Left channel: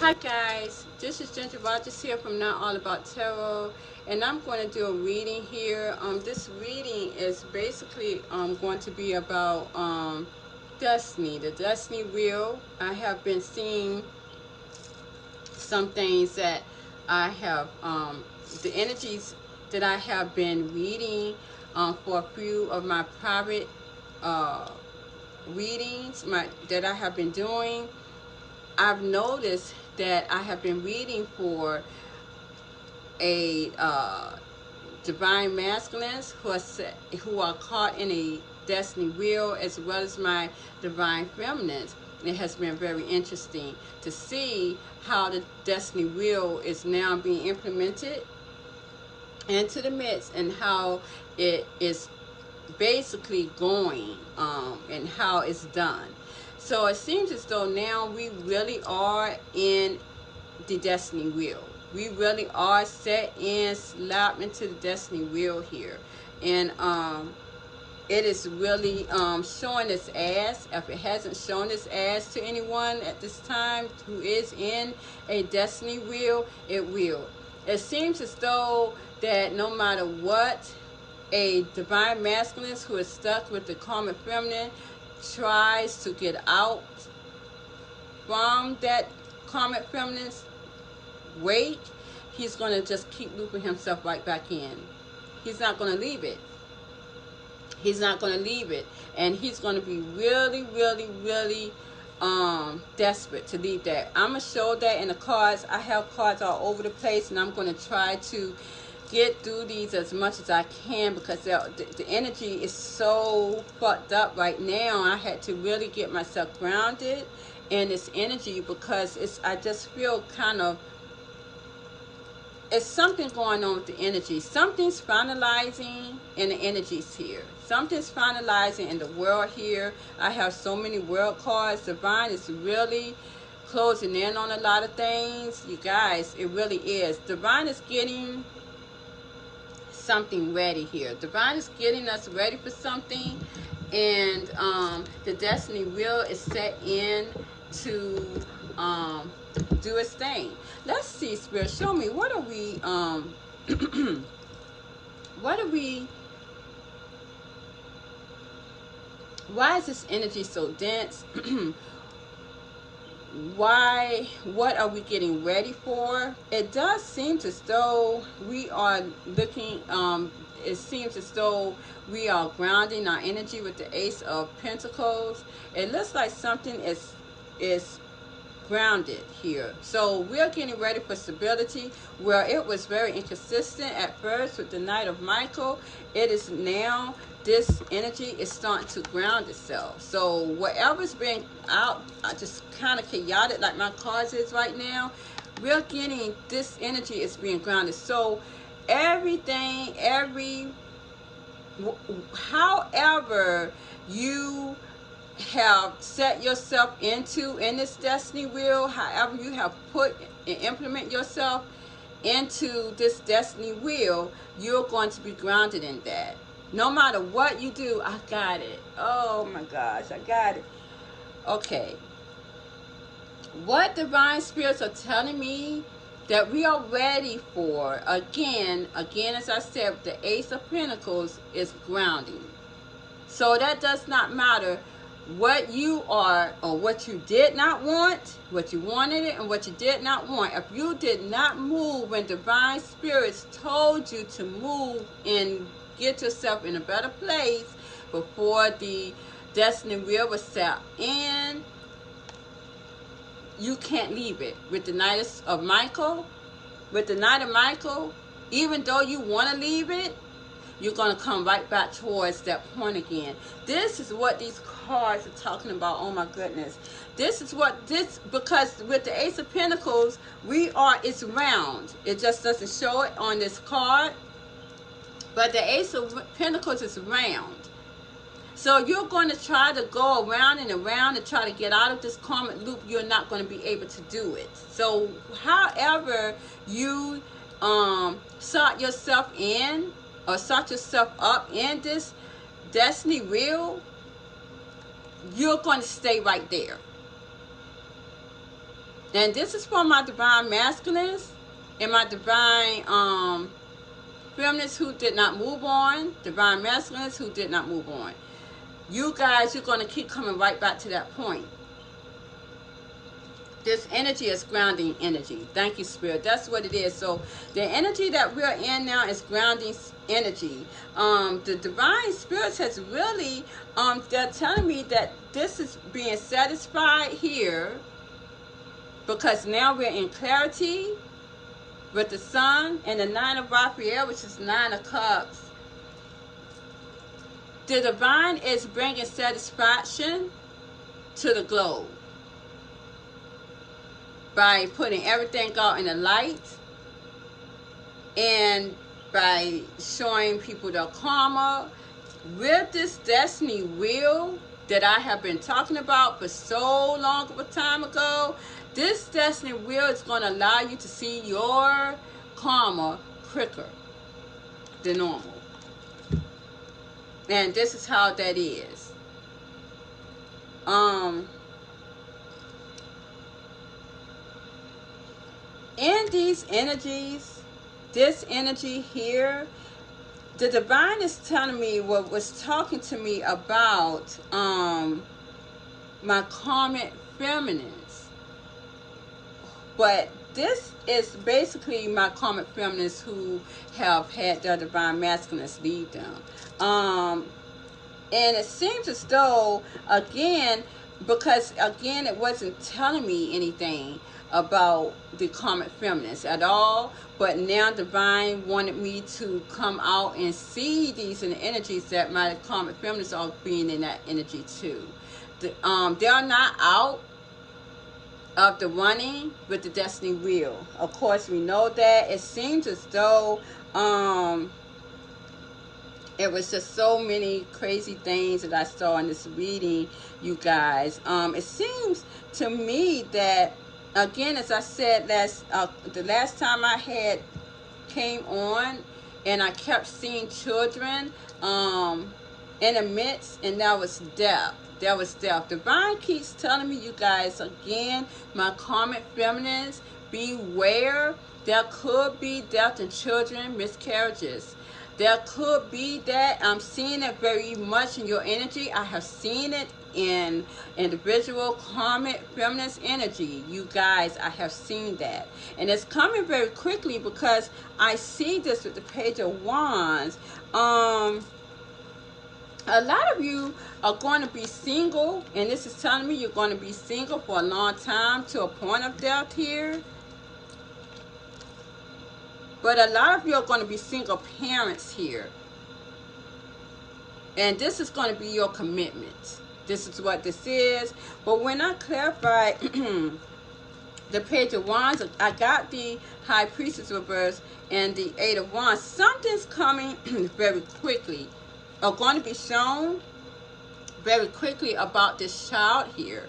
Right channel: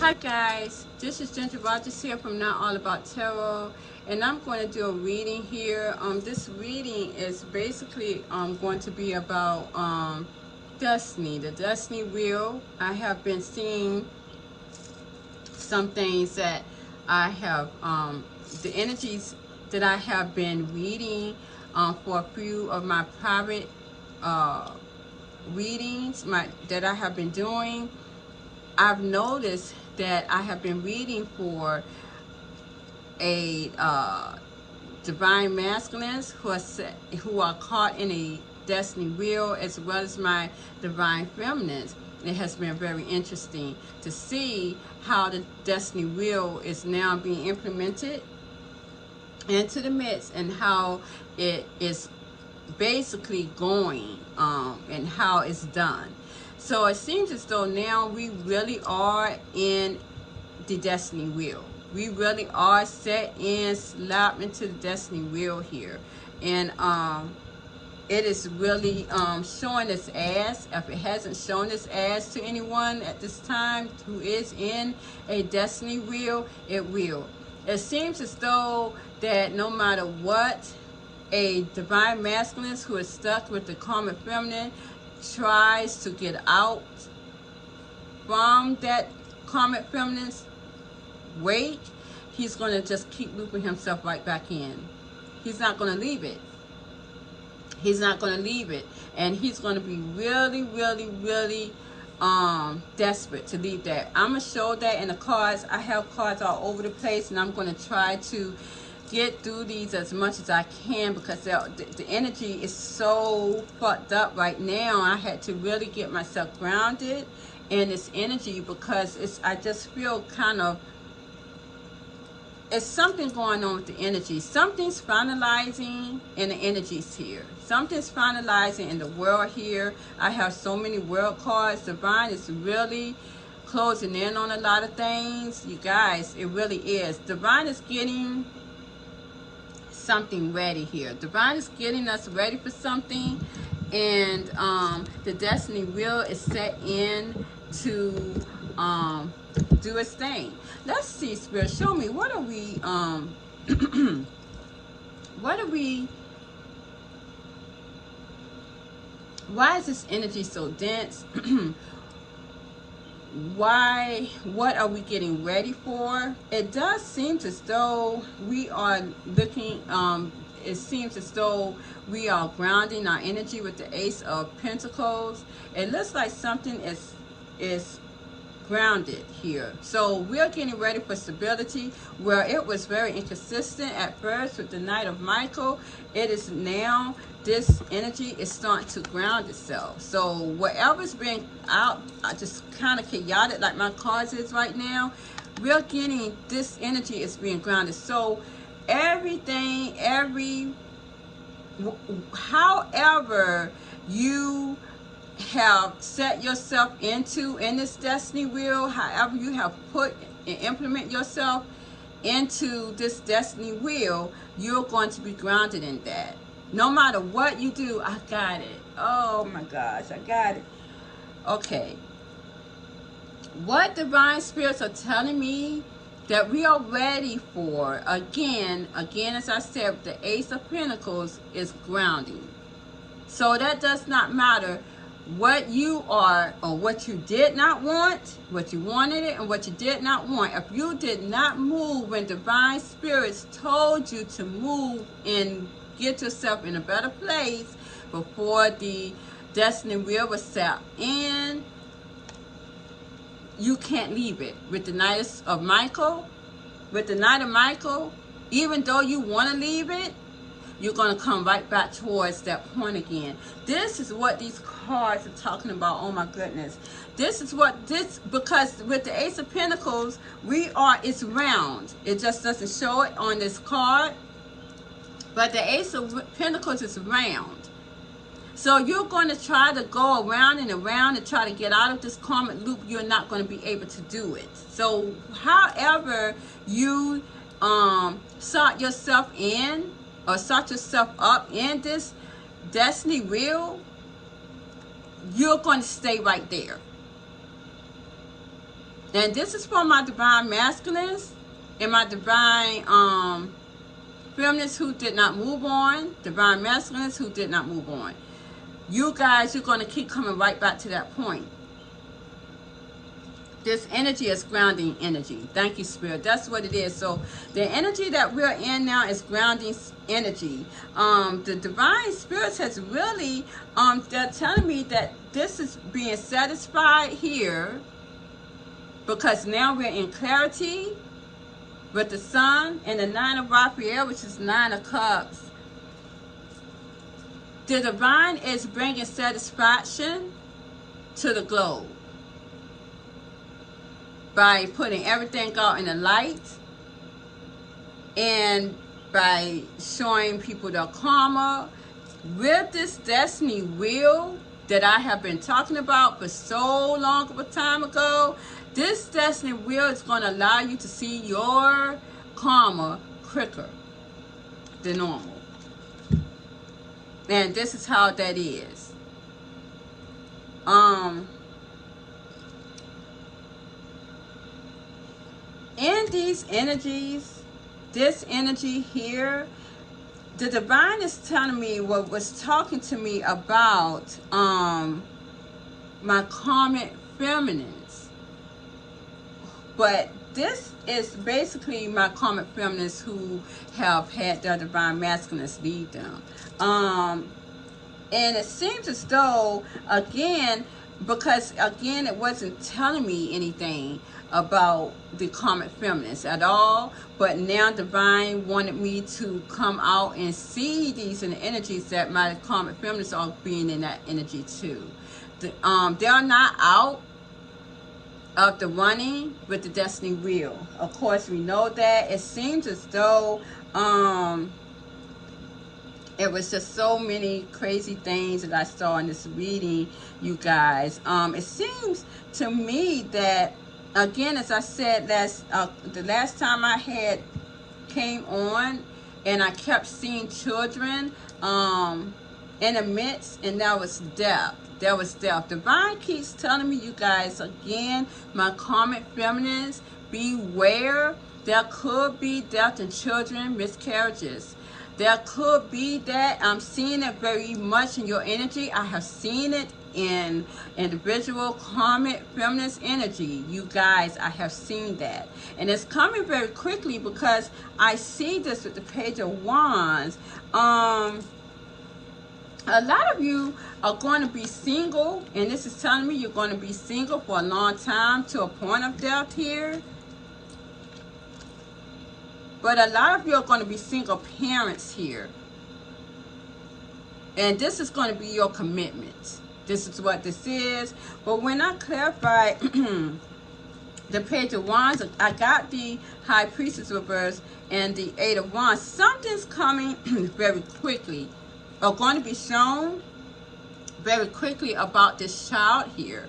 Hi guys, this is Ginger Rogers here from Not All About Tarot, and I'm going to do a reading here. This reading is basically going to be about destiny, the destiny wheel. I have been seeing some things that I have, the energies that I have been reading for a few of my private readings that I have been doing. I've noticed that I have been reading for a divine masculines who are caught in a destiny wheel, as well as my divine feminines. It has been very interesting to see how the destiny wheel is now being implemented into the midst, and how it is basically going and how it's done. So it seems as though now we really are in the destiny wheel. We really are set in, slapped into the destiny wheel here. And it is really showing its ass. If it hasn't shown its ass to anyone at this time who is in a destiny wheel, it will. It seems as though that no matter what, a divine masculine who is stuck with the karmic feminine tries to get out from that karmic feminine's weight, he's going to just keep looping himself right back in. He's not going to leave it. He's not going to leave it. And he's going to be really, really, really desperate to leave that. I'm going to show that in the cards. I have cards all over the place, and I'm going to try to get through these as much as I can, because the energy is so fucked up right now. I had to really get myself grounded in this energy, because I just feel kind of, it's something going on with the energy. Something's finalizing in the energies here. Something's finalizing in the world here. I have so many world cards. Divine is really closing in on a lot of things. You guys, it really is. Divine is getting something ready here. Divine is getting us ready for something, and the destiny wheel is set in to do its thing. Let's see, Spirit, show me, what are we why is this energy so dense? What are we getting ready for? It does seem as though we are looking, it seems as though we are grounding our energy with the Ace of Pentacles. It looks like something is grounded here. So we are getting ready for stability, where it was very inconsistent at first with the Knight of Michael. It is now, this energy is starting to ground itself. So whatever's been out, just kind of chaotic like my cards is right now, we're getting, this energy is being grounded. So everything, however you have set yourself into in this destiny wheel, however you have put and implement yourself into this destiny wheel, you're going to be grounded in that. No matter what you do. I got it. Oh my gosh, I got it. Okay. What divine spirits are telling me that we are ready for, again, as I said, the Ace of Pentacles is grounding. So that does not matter what you are, or what you did not want, what you wanted it, and what you did not want. If you did not move when divine spirits told you to move and get yourself in a better place before the destiny wheel was set in, you can't leave it. With the Knight of Michael, even though you want to leave it, you're going to come right back towards that point again. This is what these cards are talking about. Oh my goodness. This is what this, because with the Ace of Pentacles, it's round. It just doesn't show it on this card. But the Ace of Pentacles is round. So you're going to try to go around and around to try to get out of this karmic loop. You're not going to be able to do it. So however you sought yourself in, or sought yourself up in this destiny wheel, you're going to stay right there. Then this is for my divine masculines and my divine feminines who did not move on, divine masculines who did not move on. You guys, you're going to keep coming right back to that point. This energy is grounding energy. Thank you, Spirit. That's what it is. So the energy that we're in now is grounding energy. The divine spirits has really, they're telling me that this is being satisfied here because now we're in clarity with the sun and the 9 of Raphael, which is 9 of Cups. The divine is bringing satisfaction to the globe by putting everything out in the light and by showing people the karma with this destiny wheel that I have been talking about for so long of a time ago. This destiny wheel is going to allow you to see your karma quicker than normal. And this is how that is. In these energies, this energy here, the divine is telling me what was talking to me about my karmic feminines. But this is basically my karmic feminines who have had their divine masculines lead them. And it seems as though, again, because again, it wasn't telling me anything about the karmic feminines at all, but now divine wanted me to come out and see these in the energies that my karmic feminines are being in that energy too. They are not out of the running with the destiny wheel. Of course, we know that. It seems as though it was just so many crazy things that I saw in this reading, you guys. It seems to me that, again, as I said the last time I had came on, and I kept seeing children in the midst, and that was death. That was death. Divine keeps telling me, you guys, again, my karmic feminines, beware. There could be death in children, miscarriages. There could be that. I'm seeing it very much in your energy. I have seen it in individual karmic feminist energy. You guys, I have seen that. And it's coming very quickly because I see this with the Page of Wands. A lot of you are going to be single, and this is telling me you're going to be single for a long time to a point of death here. But a lot of you are going to be single parents here. And this is going to be your commitment. This is what this is. But when I clarify the Page of Wands, I got the High Priestess reverse and the 8 of Wands. Something's coming very quickly, or going to be shown very quickly about this child here.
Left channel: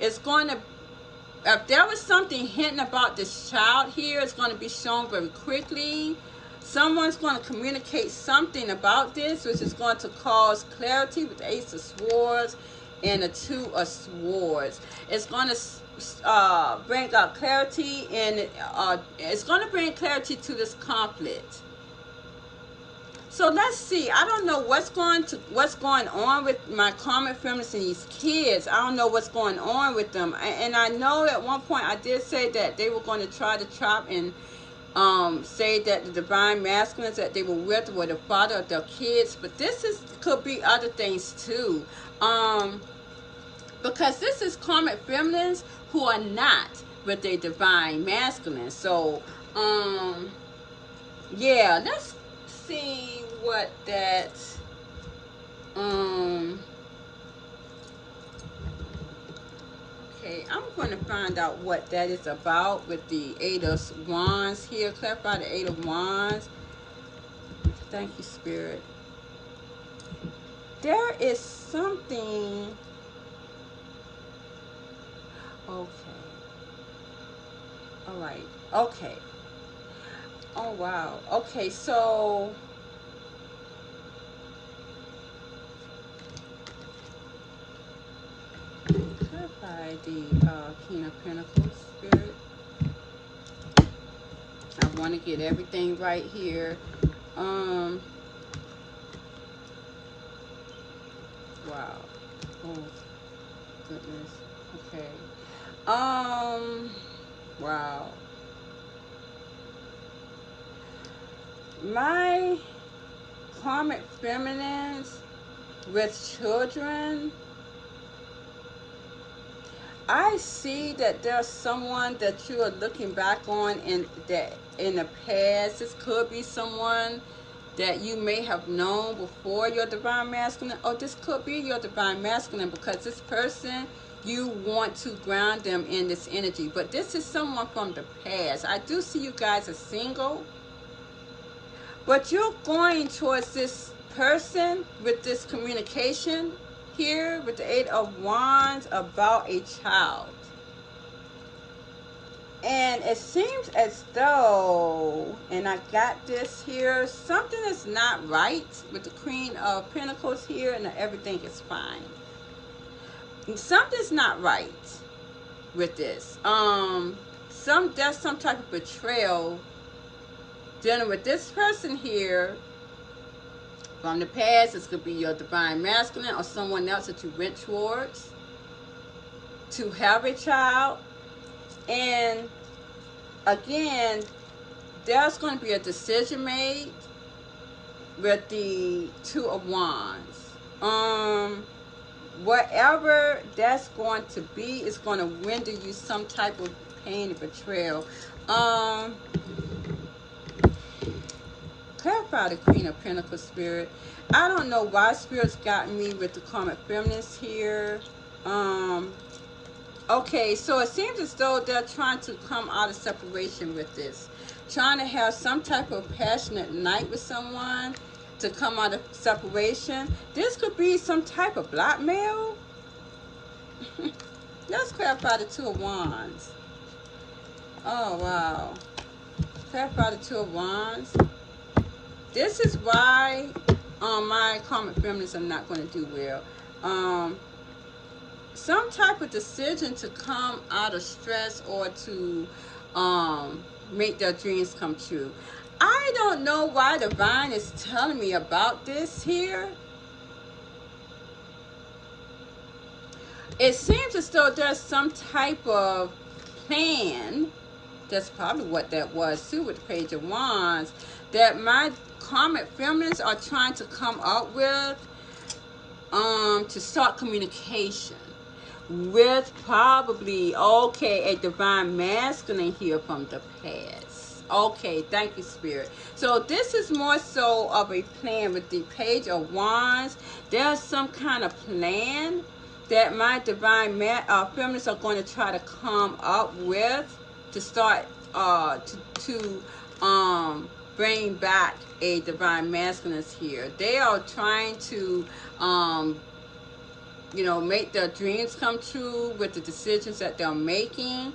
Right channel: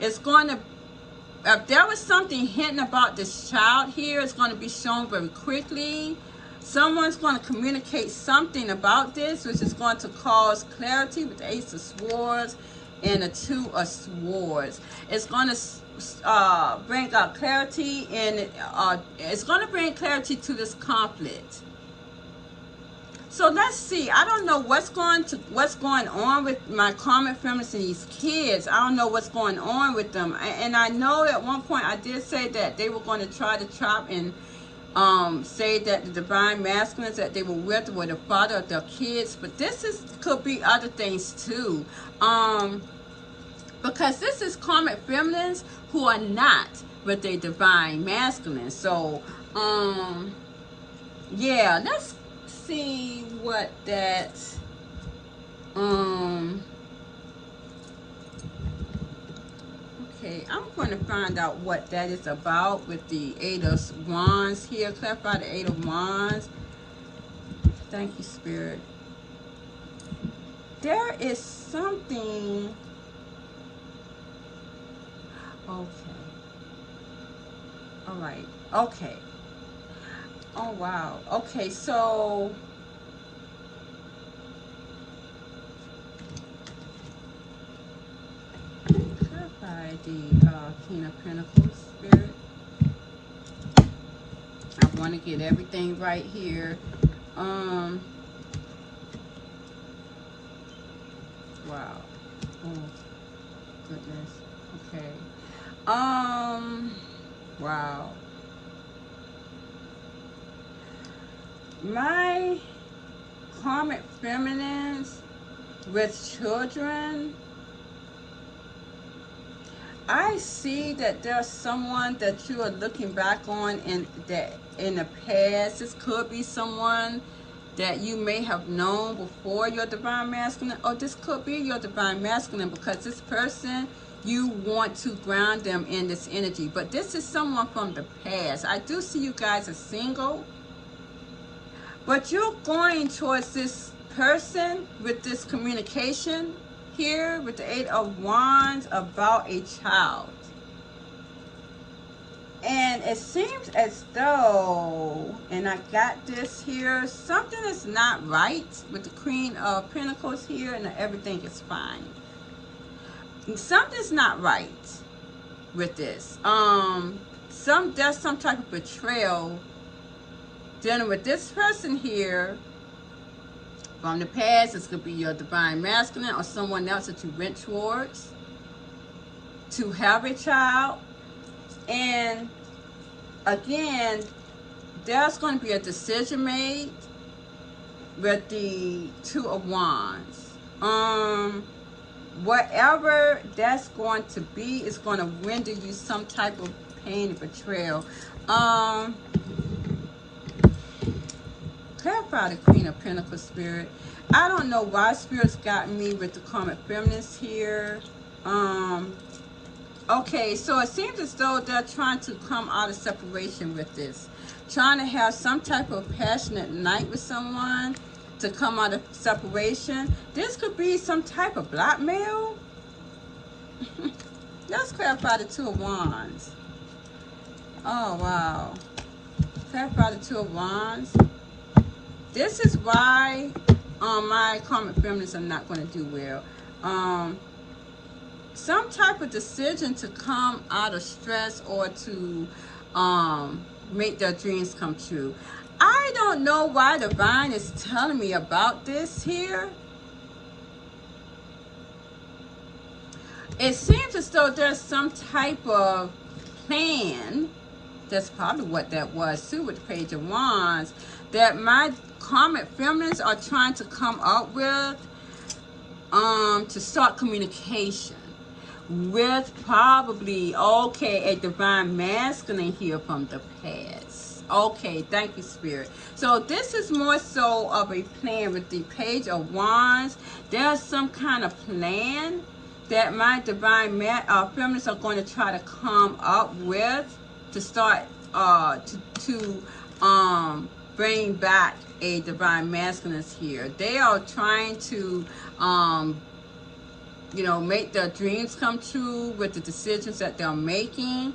It's going to, if there was something hidden about this child here, it's going to be shown very quickly. Someone's going to communicate something about this, which is going to cause clarity with the Ace of Swords and the 2 of Swords. It's going to bring out clarity, and it's going to bring clarity to this conflict. So let's see. I don't know what's going on with my karmic feminists and these kids. I don't know what's going on with them. And I know at one point I did say that they were going to try to chop and say that the divine masculines that they were with were the father of their kids. But this could be other things too. Because this is karmic feminines who are not with a divine masculine. So yeah, let's see what that okay, I'm going to find out what that is about with the 8 of Wands here. Clarify the 8 of Wands. Thank you, Spirit. There is something. Okay. All right. Okay. Oh, wow. Okay, so clarify by the King of Pentacles spirit. I want to get everything right here. Wow. Oh, goodness. Okay. Wow. My karmic feminines with children, I see that there's someone that you are looking back on in the past. This could be someone that you may have known before your divine masculine, or this could be your divine masculine, because this person, you want to ground them in this energy. But this is someone from the past. I do see you guys as single, but you're going towards this person with this communication here with the Eight of Wands about a child. And it seems as though, and I got this here, something is not right with the Queen of Pentacles here, and everything is fine. Something's not right with this. There's some type of betrayal dealing with this person here from the past. This could be your divine masculine or someone else that you went towards to have a child. And again, there's going to be a decision made with the Two of Wands. Whatever that's going to be is going to render you some type of pain and betrayal. Clarify the Queen of Pentacles spirit. I don't know why spirits got me with the karmic feminines here. Okay, so it seems as though they're trying to come out of separation with this. Trying to have some type of passionate night with someone to come out of separation. This could be some type of blackmail. Let's clarify the Two of Wands. Oh, wow. Clarify the Two of Wands. This is why my karmic feminines are not going to do well. Some type of decision to come out of stress or to make their dreams come true. I don't know why Divine is telling me about this here. It seems as though there's some type of plan. That's probably what that was too with the Page of Wands, that my karmic feminines are trying to come up with to start communication with probably, okay, a divine masculine here from the past. Okay, thank you, Spirit. So this is more so of a plan with the Page of Wands. There's some kind of plan that my divine feminines are going to try to come up with to start to bring back a divine masculine here. They are trying to you know, make their dreams come true with the decisions that they're making.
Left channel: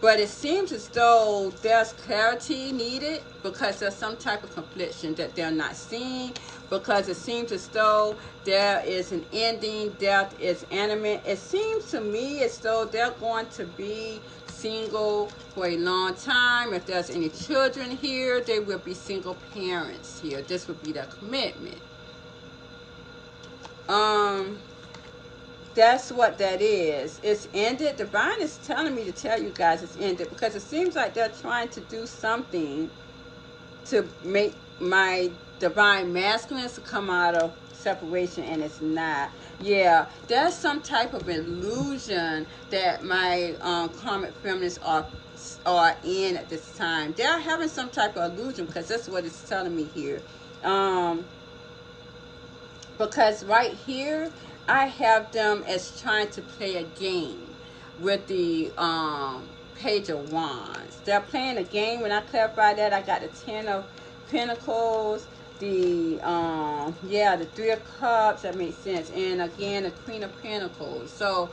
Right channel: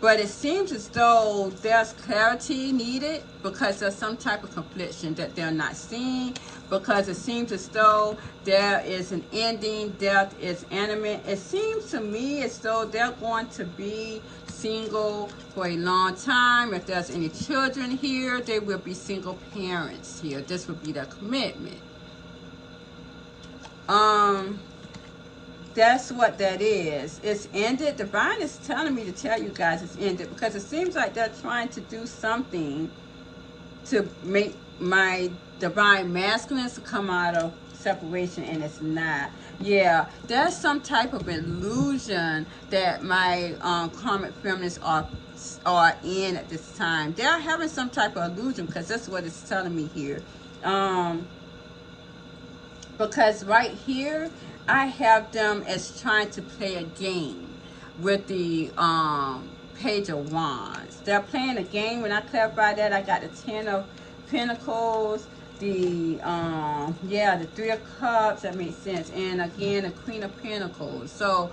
But it seems as though there's clarity needed because there's some type of confliction that they're not seeing, because it seems as though there is an ending, death is imminent. It seems to me as though they're going to be single for a long time. If there's any children here, they will be single parents here. This would be their commitment. That's what that is. It's ended. Divine is telling me to tell you guys it's ended because it seems like they're trying to do something to make my divine masculines to come out of separation, and it's not. Yeah, there's some type of illusion that my karmic feminines are in at this time. They're having some type of illusion because that's what it's telling me here. Because right here, I have them as trying to play a game with the Page of Wands. They're playing a game. When I clarify that, I got the Ten of Pentacles, the the Three of Cups. That makes sense. And again, the Queen of Pentacles. So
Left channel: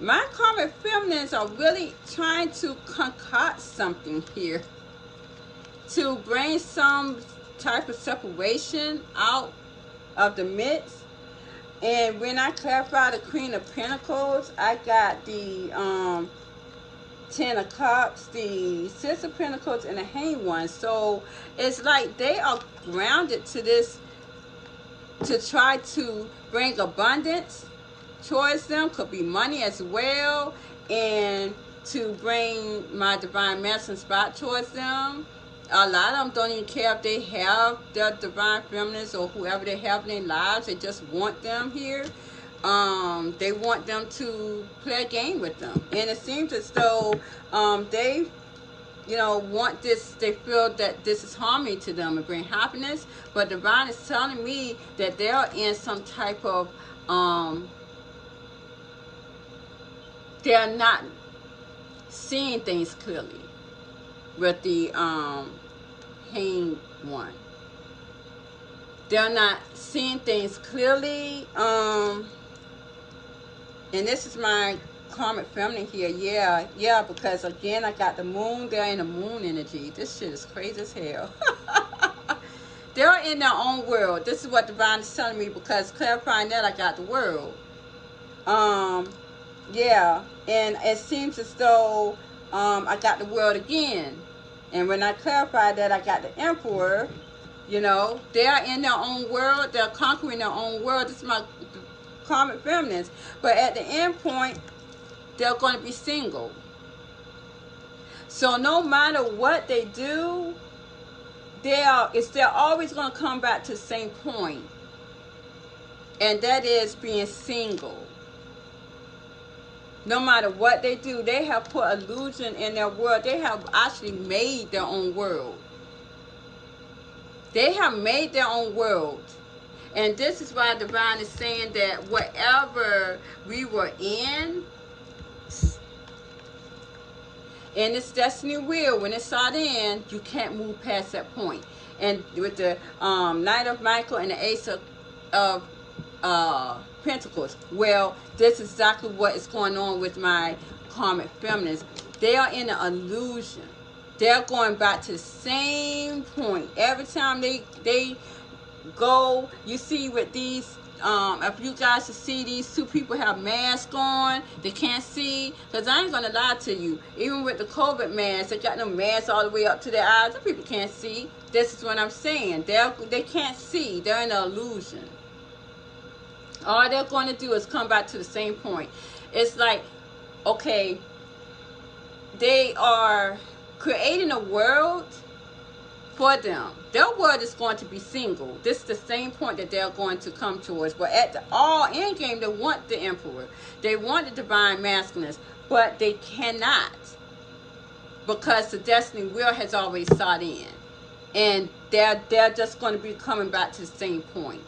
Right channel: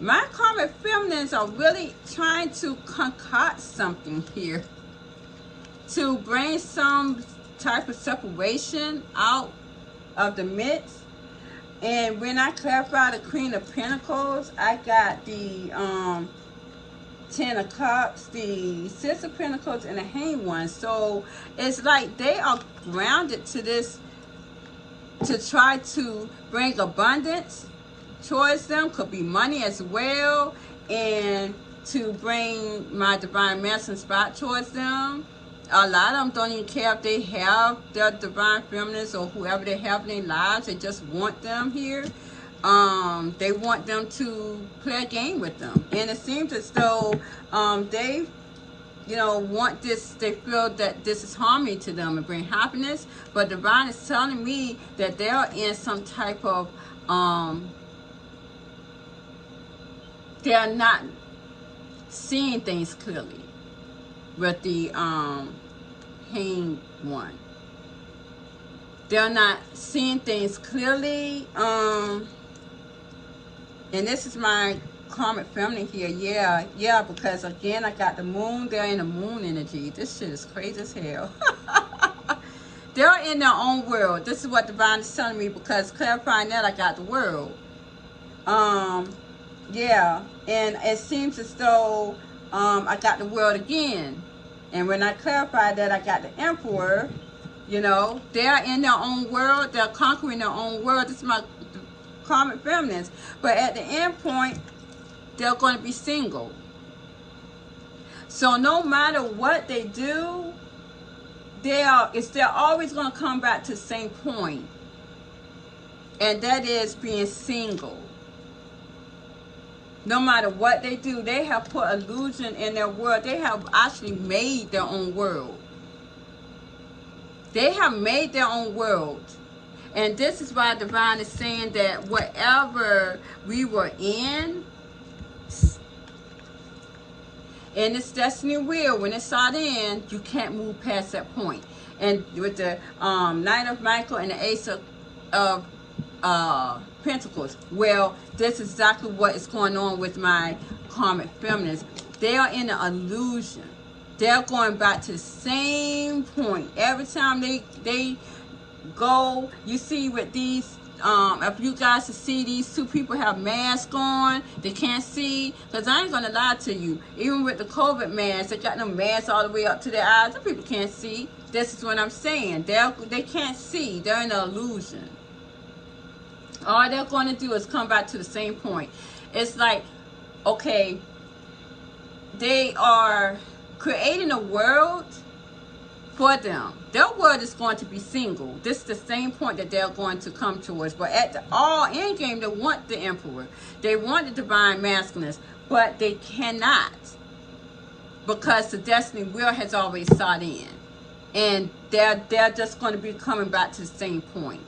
my karmic feminines are really trying to concoct something here to bring some type of separation out of the midst. And when I clarify the Queen of Pentacles, I got the 10 of Cups, the Six of Pentacles, and the Hanged One. So it's like they are grounded to this to try to bring abundance towards them. Could be money as well, and to bring my divine masculine spot towards them. A lot of them don't even care if they have their divine feminines or whoever they have in their lives. They just want them here. They want them to play a game with them. And it seems as though they, you know, want this. They feel that this is harmony to them and bring happiness. But divine is telling me that they're in some type of, they are not seeing things clearly with the Hanged One. They're not seeing things clearly. And this is my karmic feminine here. Yeah, because again, I got the moon. They're in the moon energy. This shit is crazy as hell. They're in their own world. This is what divine is telling me, because clarifying that, I got the world. Yeah, and it seems as though I got the world again. And when I clarified that, I got the Emperor. You know, they're in their own world. They're conquering their own world. This is my karmic feminines. But at the end point, they're going to be single. So no matter what they do, they're always going to come back to the same point. And that is being single. No matter what they do, they have put illusion in their world. They have actually made their own world. They have made their own world. And this is why divine is saying that whatever we were in this destiny wheel, when it sought in, you can't move past that point. And with the Knight of Michael and the Ace of Pentacles, well, this is exactly what is going on with my karmic feminines. They are in an illusion. They're going back to the same point. Every time they go, you see with these, if you guys can see, these two people have masks on. They can't see. Because I ain't going to lie to you. Even with the COVID masks, they got them masks all the way up to their eyes. The people can't see. This is what I'm saying. They can't see. They're in an illusion. All they're going to do is come back to the same point. It's like, okay, they are creating a world for them. Their world is going to be single. This is the same point that they're going to come towards. But at the all end game, they want the Emperor. They want the divine masculinist, but they cannot, because the destiny wheel has already sought in, and they're just going to be coming back to the same point.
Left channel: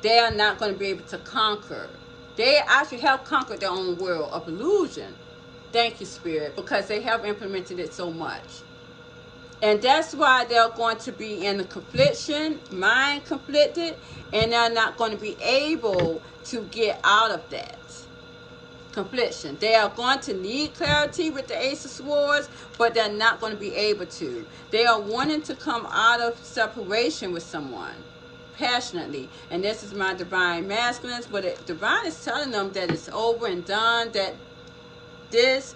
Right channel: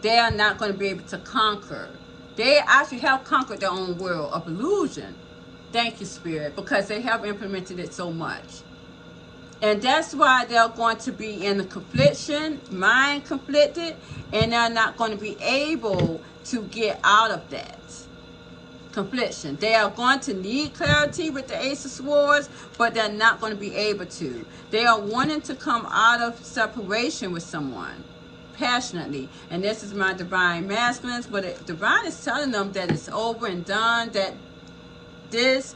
They are not going to be able to conquer. They actually have conquered their own world of illusion. Thank you, Spirit, because they have implemented it so much. And that's why they're going to be in a confliction, mind conflicted, and they're not going to be able to get out of that confliction. They are going to need clarity with the Ace of Swords, but they're not going to be able to. They are wanting to come out of separation with someone passionately, and this is my divine masculines, but divine is telling them that it's over and done, that this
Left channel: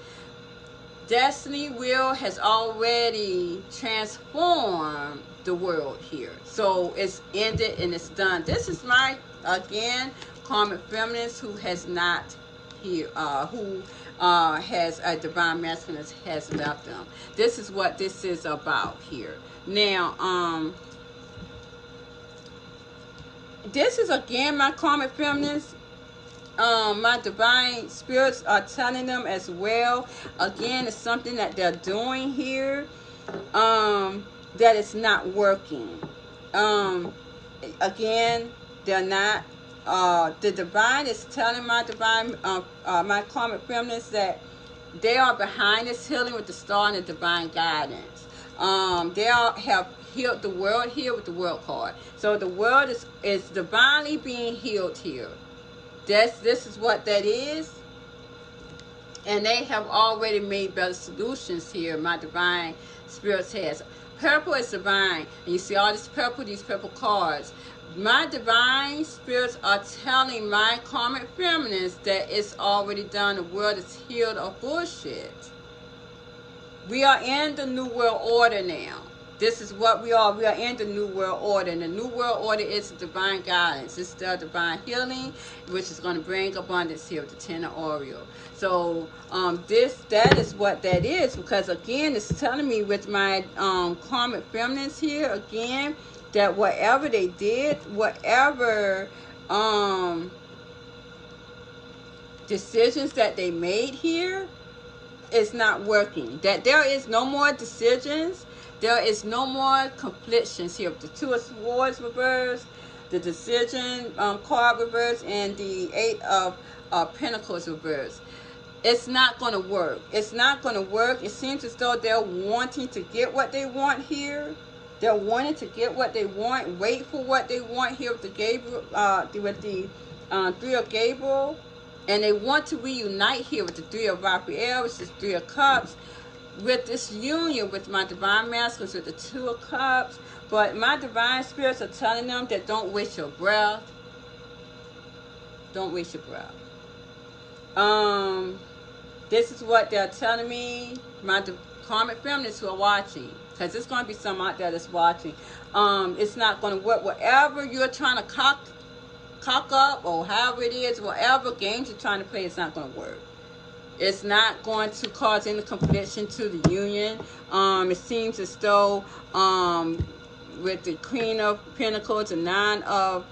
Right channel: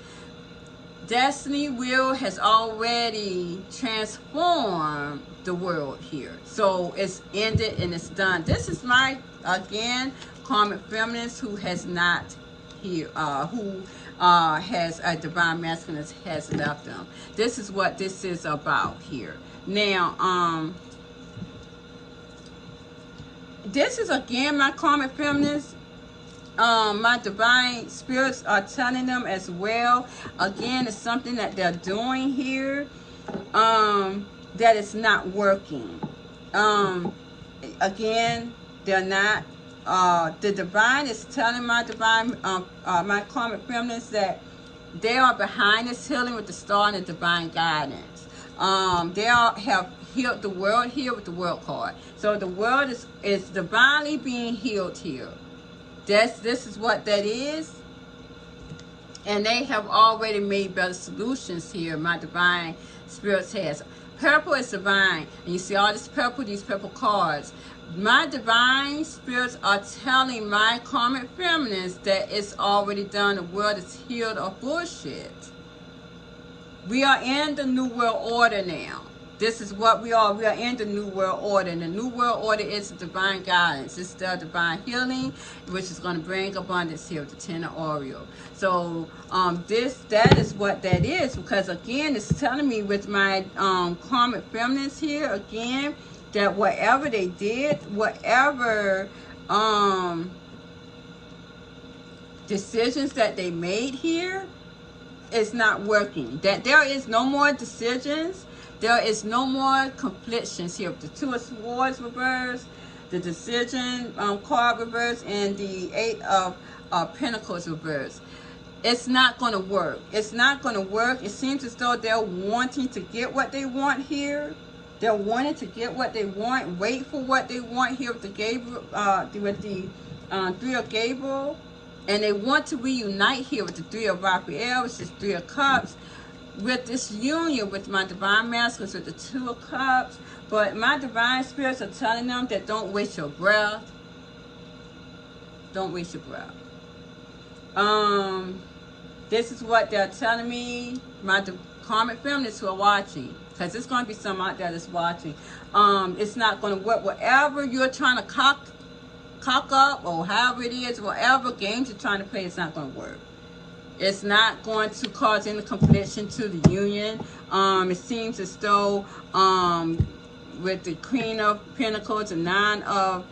destiny wheel has already transformed the world here. So it's ended and it's done. This is my, again, karmic feminines who has not here, who has a divine masculine has left them. This is what this is about here. Now, this is again my karmic feminines. My divine spirits are telling them as well. Again, it's something that they're doing here that is not working. Again, they're not. The divine is telling my divine, my karmic feminines that they are behind this healing with the star and the divine guidance. They all have healed the world here with the world card. So the world is divinely being healed here. This is what that is. And they have already made better solutions here. My divine spirits has. Purple is divine. And you see all this purple, these purple cards. My divine spirits are telling my karmic feminines that it's already done. The world is healed of bullshit. We are in the new world order now. This is what we are. We are in the new world order. And the new world order is divine guidance. It's the divine healing, which is going to bring abundance here with the Ten of Oriole. So that is what that is. Because again, it's telling me with my karmic feminines here, again, that whatever they did, whatever decisions that they made here, is not working. That there is no more decisions. There is no more conflictions here. The Two of Swords reversed, the decision card reversed, and the Eight of Pentacles reversed. It's not going to work. It's not going to work. It seems as though they're wanting to get what they want here. They're wanting to get what they want, wait for what they want here with the Gabriel, with the Three of Gabriel. And they want to reunite here with the Three of Raphael, which is Three of Cups, with this union with my divine masculines, with the Two of Cups. But my divine spirits are telling them that don't waste your breath. Don't waste your breath. This is what they're telling me, my karmic feminists who are watching, because there's going to be some out there that's watching. It's not going to work. Whatever you're trying to cock up, or however it is, whatever games you're trying to play, it's not going to work. It's not going to cause any confliction to the union. It seems as though with the Queen of Pentacles, the Nine of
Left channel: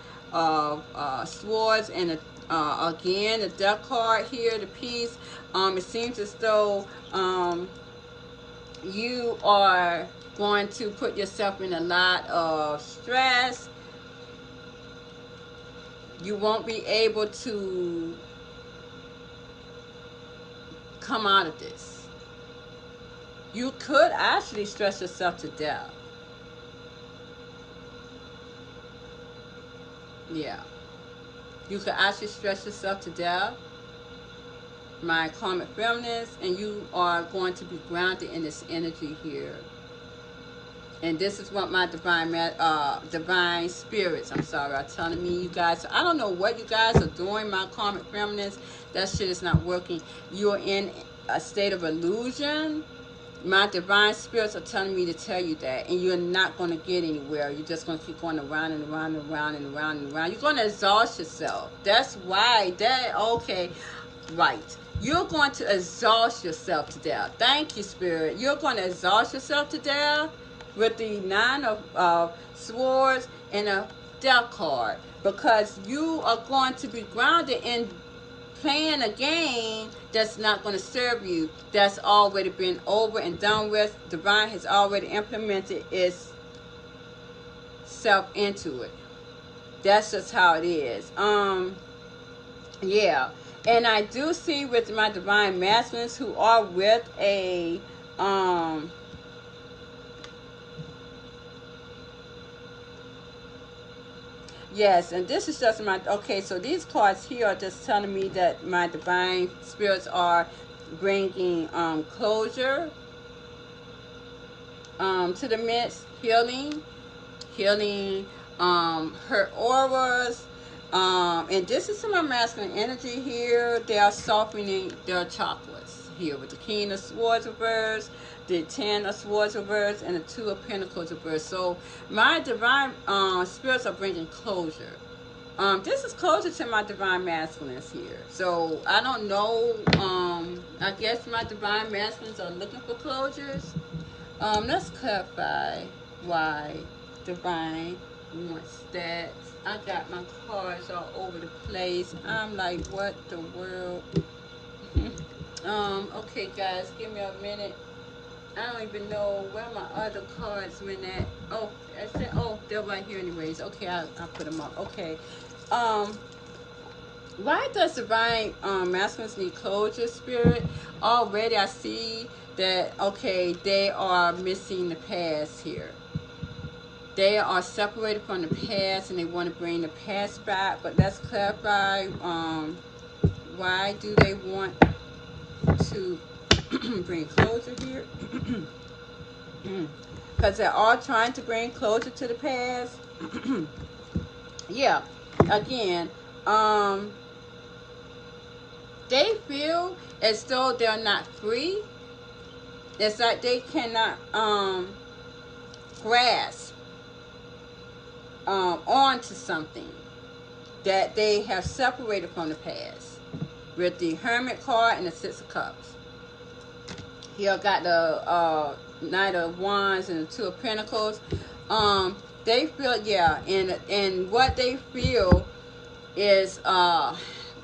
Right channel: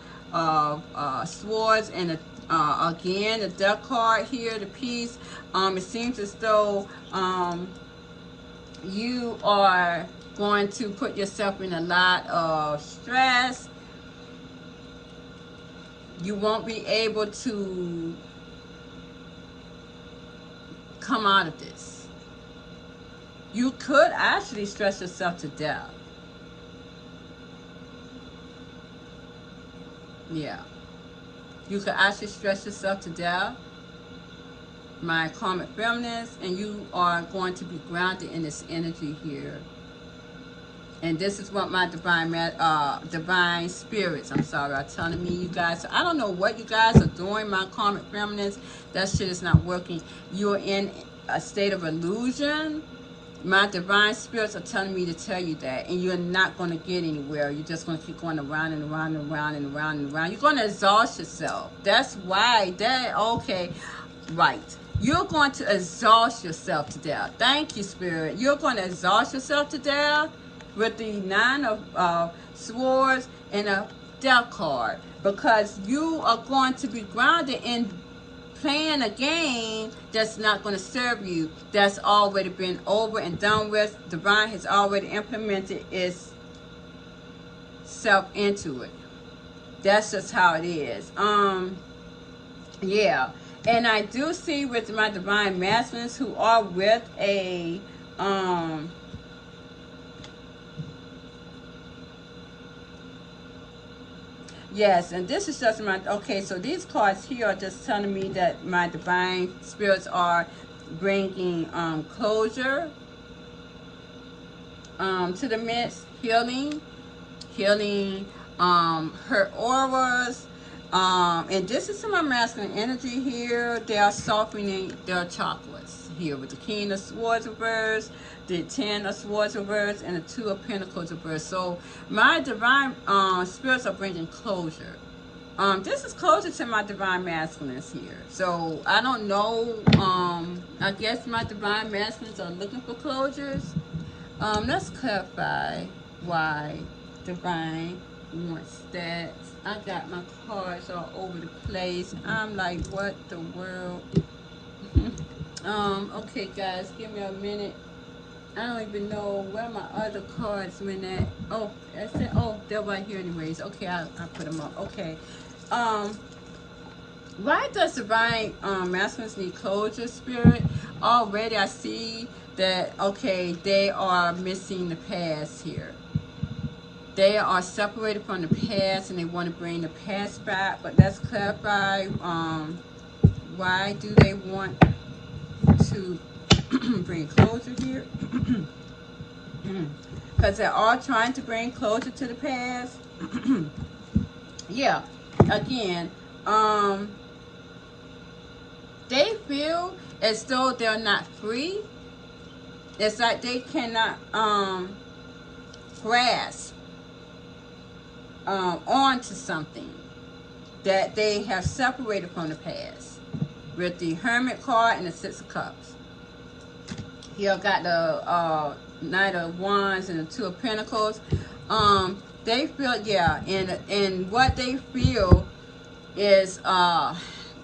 Swords, and again the Death card here, the Peace. It seems as though you are going to put yourself in a lot of stress. You won't be able to come out of this. You could actually stress yourself to death. Yeah. You could actually stress yourself to death, my karmic feminines, and you are going to be grounded in this energy here. And this is what my divine spirits, are telling me, you guys. I don't know what you guys are doing, my karmic feminines. That shit is not working. You're in a state of illusion. My divine spirits are telling me to tell you that. And you're not going to get anywhere. You're just going to keep going around and around and around and around and around. You're going to exhaust yourself. That's why. Okay. Right. You're going to exhaust yourself to death. Thank you, Spirit. You're going to exhaust yourself to death with the Nine of Swords and a Death card, because you are going to be grounded in playing a game that's not going to serve you, that's already been over and done with. Divine has already implemented its self into it. That's just how it is. Yeah. And I do see with my divine masculines who are with a yes, and this is just my, okay, so these cards here are just telling me that my divine spirits are bringing closure to the midst, healing, hurt auras, and this is my masculine energy here. They are softening their chakras here with the King of Swords reversed, the Ten of Swords reversed, and the Two of Pentacles reversed. So my divine spirits are bringing closure. This is closer to my divine masculines here. So I don't know. I guess my divine masculines are looking for closures. Let's clarify why divine wants that. I got my cards all over the place. I'm like, what the world? Okay, guys, give me a minute. I don't even know where my other cards went at. Oh, that's it. Oh, they're right here anyways. Okay, I'll put them up. Okay. Why does divine masculines need closure, Spirit? Already I see that, okay, they are missing the past here. They are separated from the past and they want to bring the past back. But let's clarify, why do they want to bring closure here? because they're all trying to bring closure to the past. Yeah, again, they feel as though they're not free. It's like they cannot grasp onto something that they have separated from the past, with the Hermit card and the Six of Cups. Here got the Knight of Wands and the Two of Pentacles. They feel, yeah, and what they feel is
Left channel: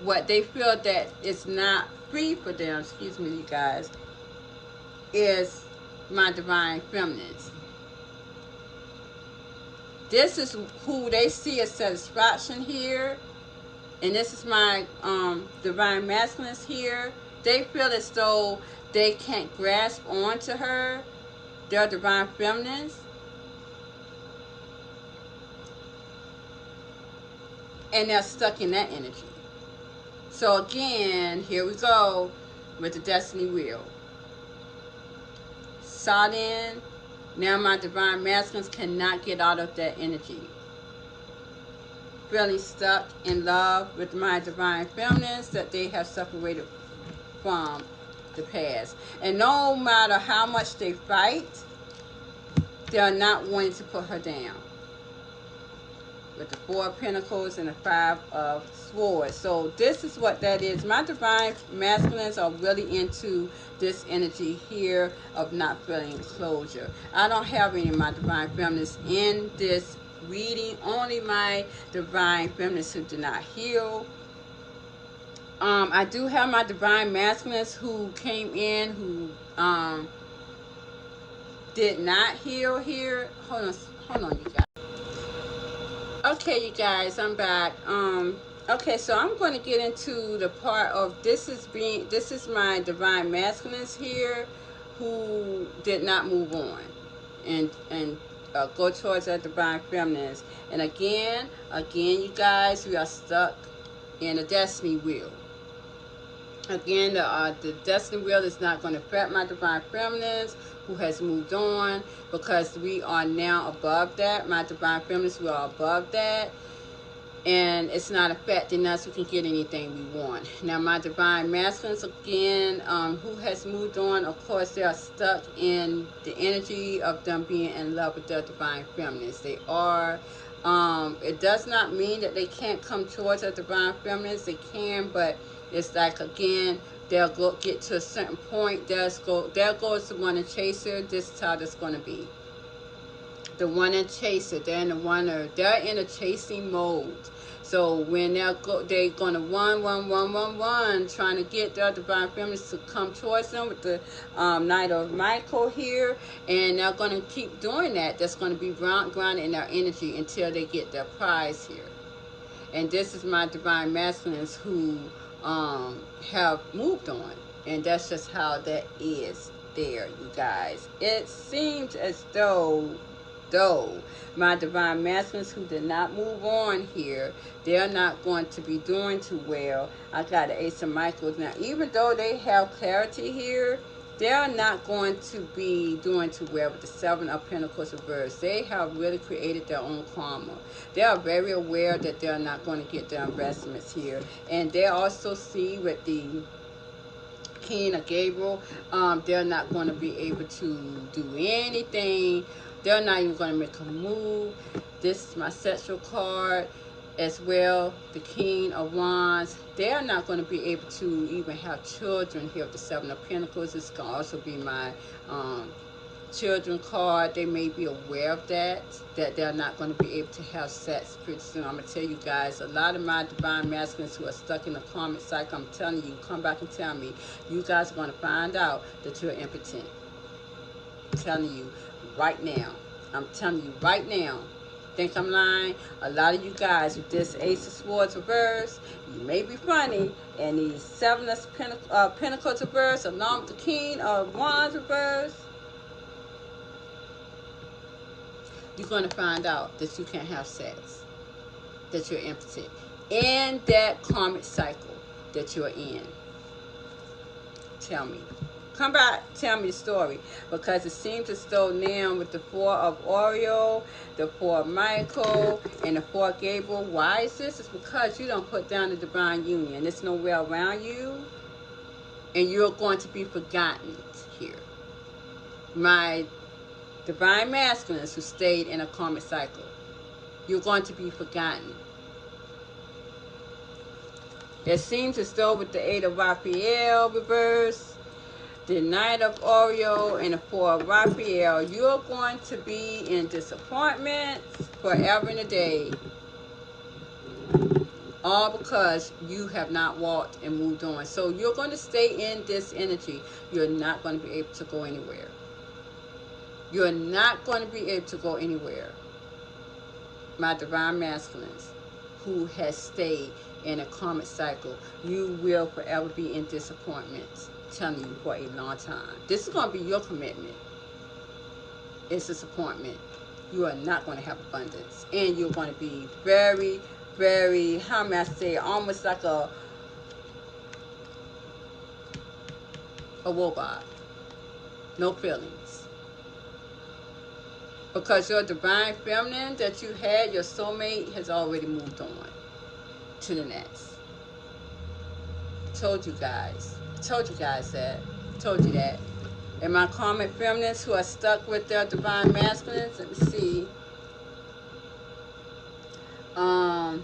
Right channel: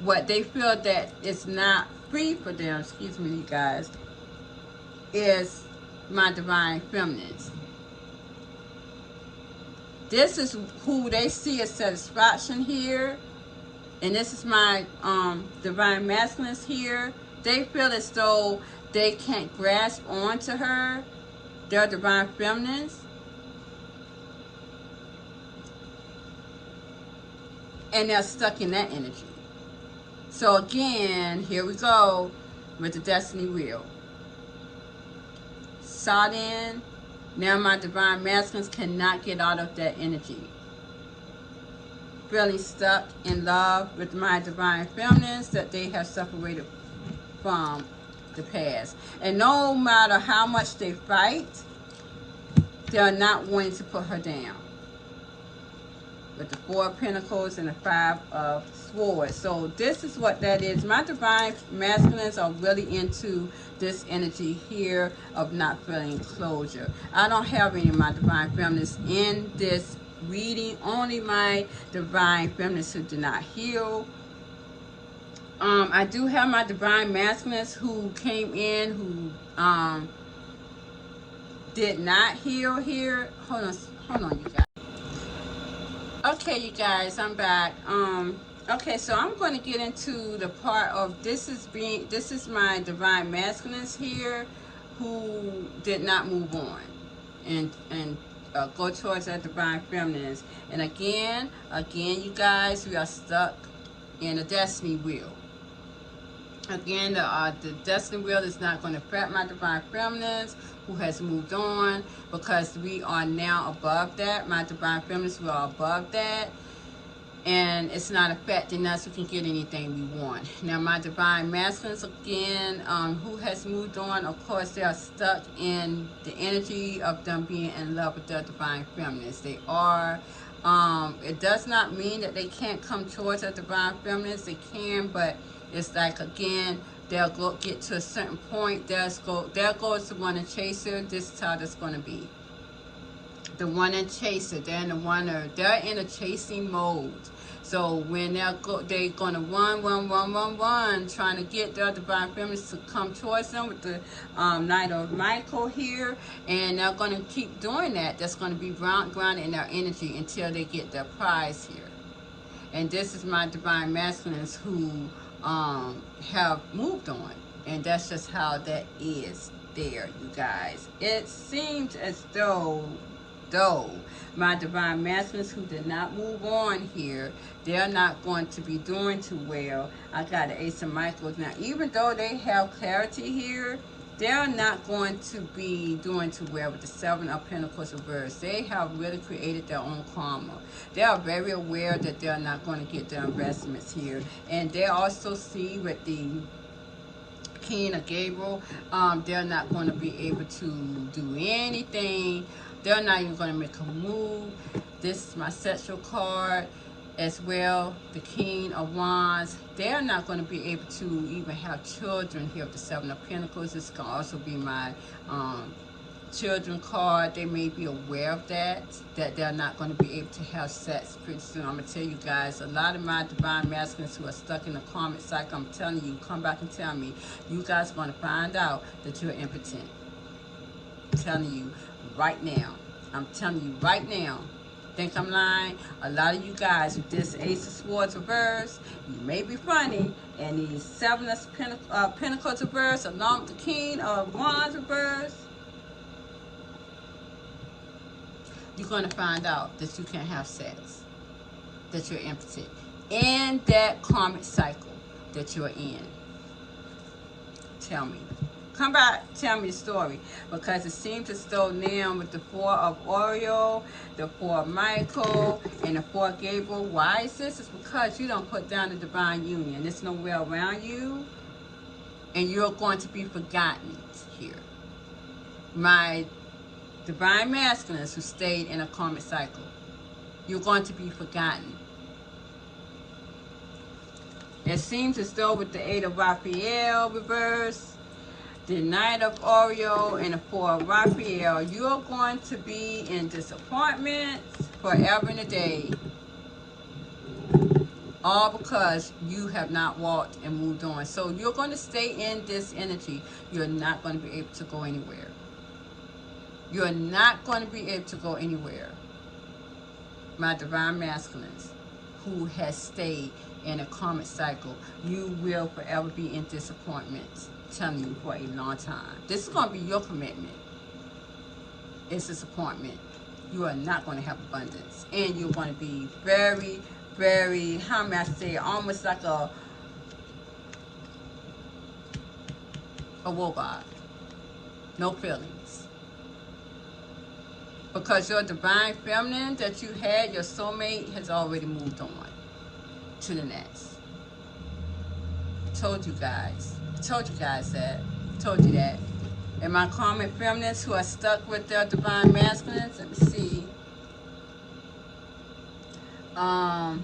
what they feel that it's not free for them, excuse me you guys, is my divine feminines. This is who they see as satisfaction here, and this is my divine masculines here. They feel as though they can't grasp onto her, their divine feminines, and they're stuck in that energy. So again, here we go with the destiny wheel. Sought in. Now my divine masculines cannot get out of that energy. Feeling stuck in love with my divine feminines that they have separated from the past. And no matter how much they fight, they're not going to put her down. With the Four of Pentacles and the Five of Swords. So this is what that is. My divine masculines are really into this energy here of not feeling closure. I don't have any of my divine feminines in this reading. Only my divine feminines who do not heal. I do have my divine masculines who came in who did not heal here. Hold on, you guys. Okay, you guys, I'm back. Okay, so I'm going to get into the part of this is my divine masculines here who did not move on and go towards their divine feminines. And again, you guys, we are stuck in a destiny wheel. Again, the destiny wheel is not going to affect my divine feminines who has moved on, because we are now above that. My divine feminines, we are above that, and it's not affecting us. We can get anything we want. Now my divine masculines, again, who has moved on, of course they are stuck in the energy of them being in love with their divine feminines. They are. It does not mean that they can't come towards their divine feminines. They can, but it's like, again, they'll get to a certain point. There goes the one and chaser. This is how that's going to be. The one and chaser, they're in a chasing mode. So when they're going to run, trying to get their divine feminines to come towards them with the Knight of Michael here, and they're going to keep doing that. That's going to be grounded in their energy until they get their prize here. And this is my divine masculines who have moved on, and that's just how that is there, you guys. It seems as though my divine masculines who did not move on here, they're not going to be doing too well. I got the Ace of Michaels. Now, even though they have clarity here, they're not going to be doing too well with the Seven of Pentacles reversed. They have really created their own karma. They are very aware that they're not going to get their investments here. And they also see with the King of Gabriel, they're not going to be able to do anything. They're not even going to make a move. This is my sexual card as well, the King of Wands. They're not going to be able to even have children here with the Seven of Pentacles. This can also be my children card. They may be aware of that they're not going to be able to have sex pretty soon. I'm going to tell you guys, a lot of my divine masculines who are stuck in a karmic cycle, I'm telling you, come back and tell me, you guys are going to find out that you're impotent. I'm telling you right now. I'm telling you right now. Think I'm lying? A lot of you guys with this Ace of Swords reverse, you may be funny, and these Seven of Pentacles reverse along with the King of Wands reverse, you're going to find out that you can't have sex, that you're impotent in that karmic cycle that you're in. Tell me. Come back, tell me the story. Because it seems as though now with the 4 of Oriole, the 4 of Michael, and the 4 of Gabriel, why is this? It's because you don't put down the divine union. There's nowhere around you, and you're going to be forgotten here. My divine masculines who stayed in a karmic cycle, you're going to be forgotten. It seems as though with the 8 of Raphael reverse, the 9 of Oriole, and the 4 of Raphael, you're going to be in disappointment forever and a day. All because you have not walked and moved on. So you're going to stay in this energy. You're not going to be able to go anywhere. You're not going to be able to go anywhere. My divine masculines who has stayed in a karmic cycle, you will forever be in disappointment. Telling you for a long time. This is going to be your commitment. It's disappointment. You are not going to have abundance. And you're going to be very, very, how may I say, almost like a robot. No feelings. Because your divine feminine that you had, your soulmate, has already moved on to the next. Told you guys. Told you guys that. Told you that. And my karmic feminines who are stuck with their divine masculines, let me see. Let me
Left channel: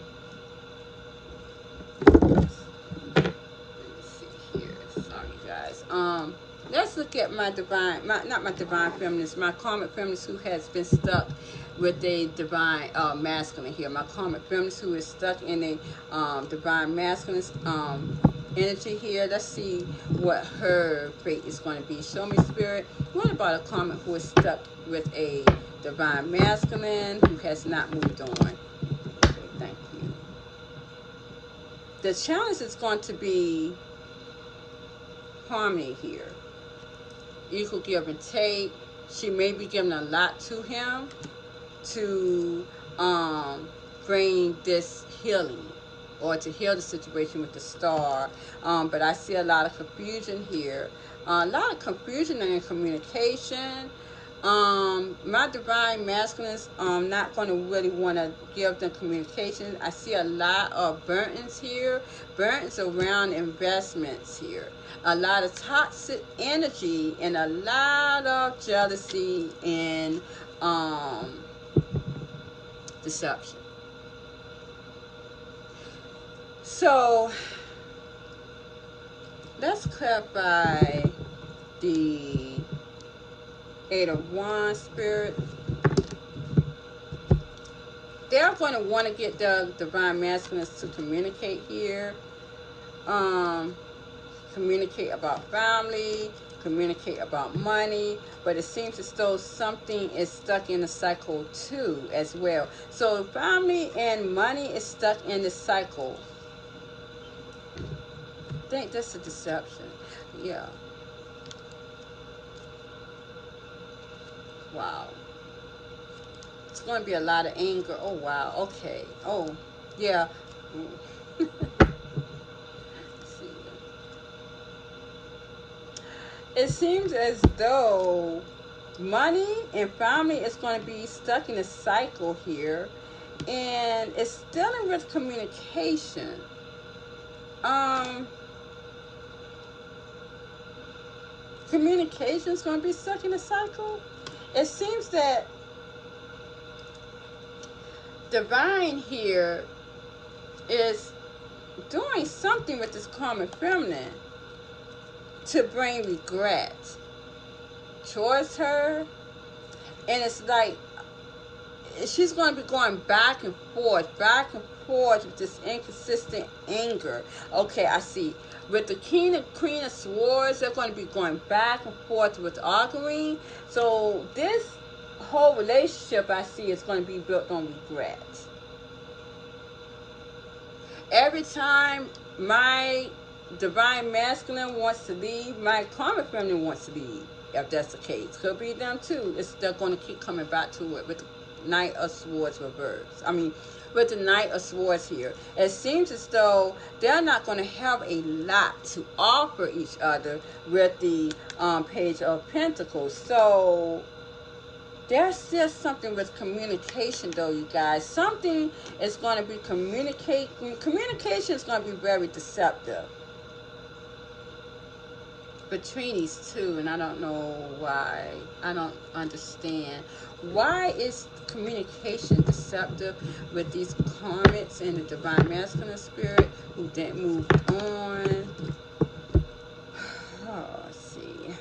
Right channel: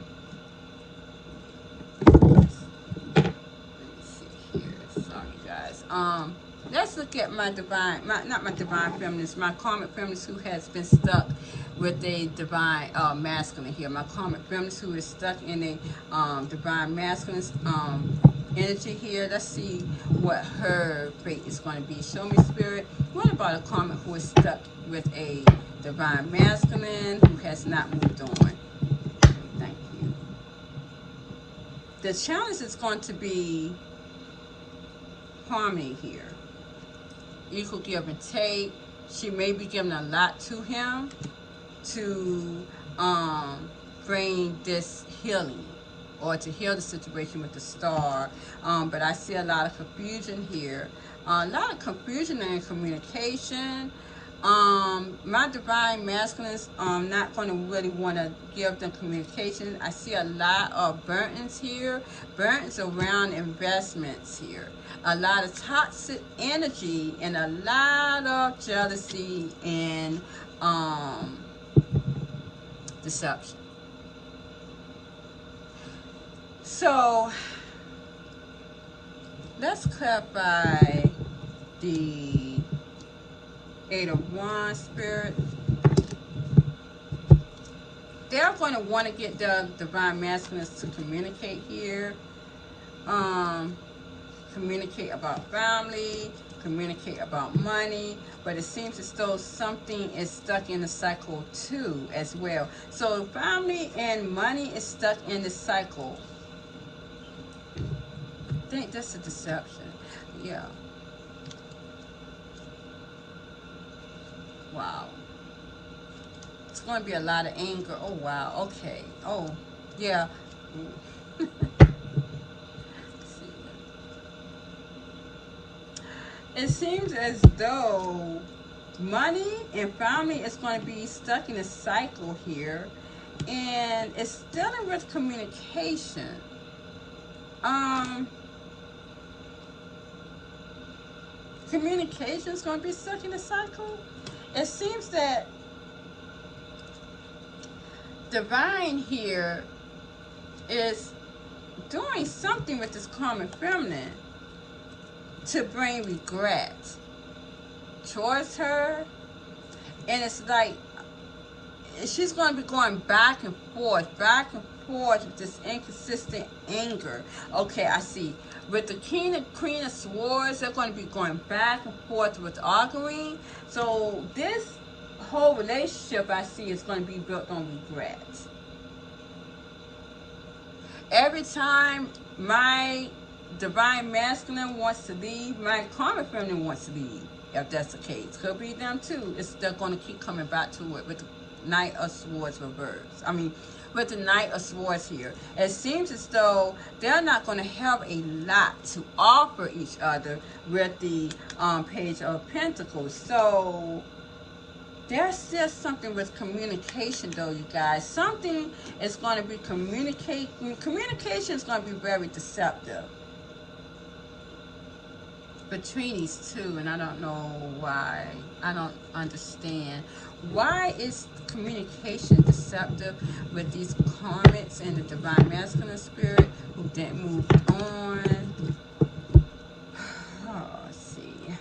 see here. Sorry guys. Let's look at my divine, not my divine feminines, my karmic feminines who has been stuck with a divine masculine here. My karmic feminines who is stuck in a divine masculine energy here. Let's see what her fate is going to be. Show me, Spirit. What about a karmic who is stuck with a divine masculine who has not moved on? Okay, thank you. The challenge is going to be harmony here. Equal give and take. She may be giving a lot to him to bring this healing, or to heal the situation with the star. But I see a lot of confusion here. A lot of confusion in communication. My divine masculines not going to really want to give them communication. I see a lot of burdens here. Burdens around investments here. A lot of toxic energy and a lot of jealousy and deception. So, let's clarify the 8 of Wands, Spirit. They're going to want to get the divine masculines to communicate here. Communicate about family, communicate about money, but it seems as though something is stuck in the cycle too as well. So family and money is stuck in the cycle. I think that's a deception. Yeah. Wow. It's going to be a lot of anger. Oh, wow. Okay. Oh, yeah. It seems as though money and family is going to be stuck in a cycle here. And it's dealing with communication. Communication is going to be stuck in a cycle. It seems that divine here is doing something with this karmic feminine to bring regret towards her. And it's like she's going to be going back and forth with this inconsistent anger. Okay, I see. With the King and Queen of Swords, they're going to be going back and forth with arguing. So this whole relationship I see is going to be built on regret. Every time my divine masculine wants to leave, my karmic feminine wants to leave. If that's the case, could be them too. They're going to keep coming back to it with the Knight of Swords reverse. I mean, with the Knight of Swords here. It seems as though they're not going to have a lot to offer each other with the Page of Pentacles. So there's still something with communication, though, you guys. Something is going to be communication is going to be very deceptive between these two, and I don't know why. I don't understand. Why is communication deceptive with these karmics and the divine masculine spirit who didn't move on? Oh, let's see.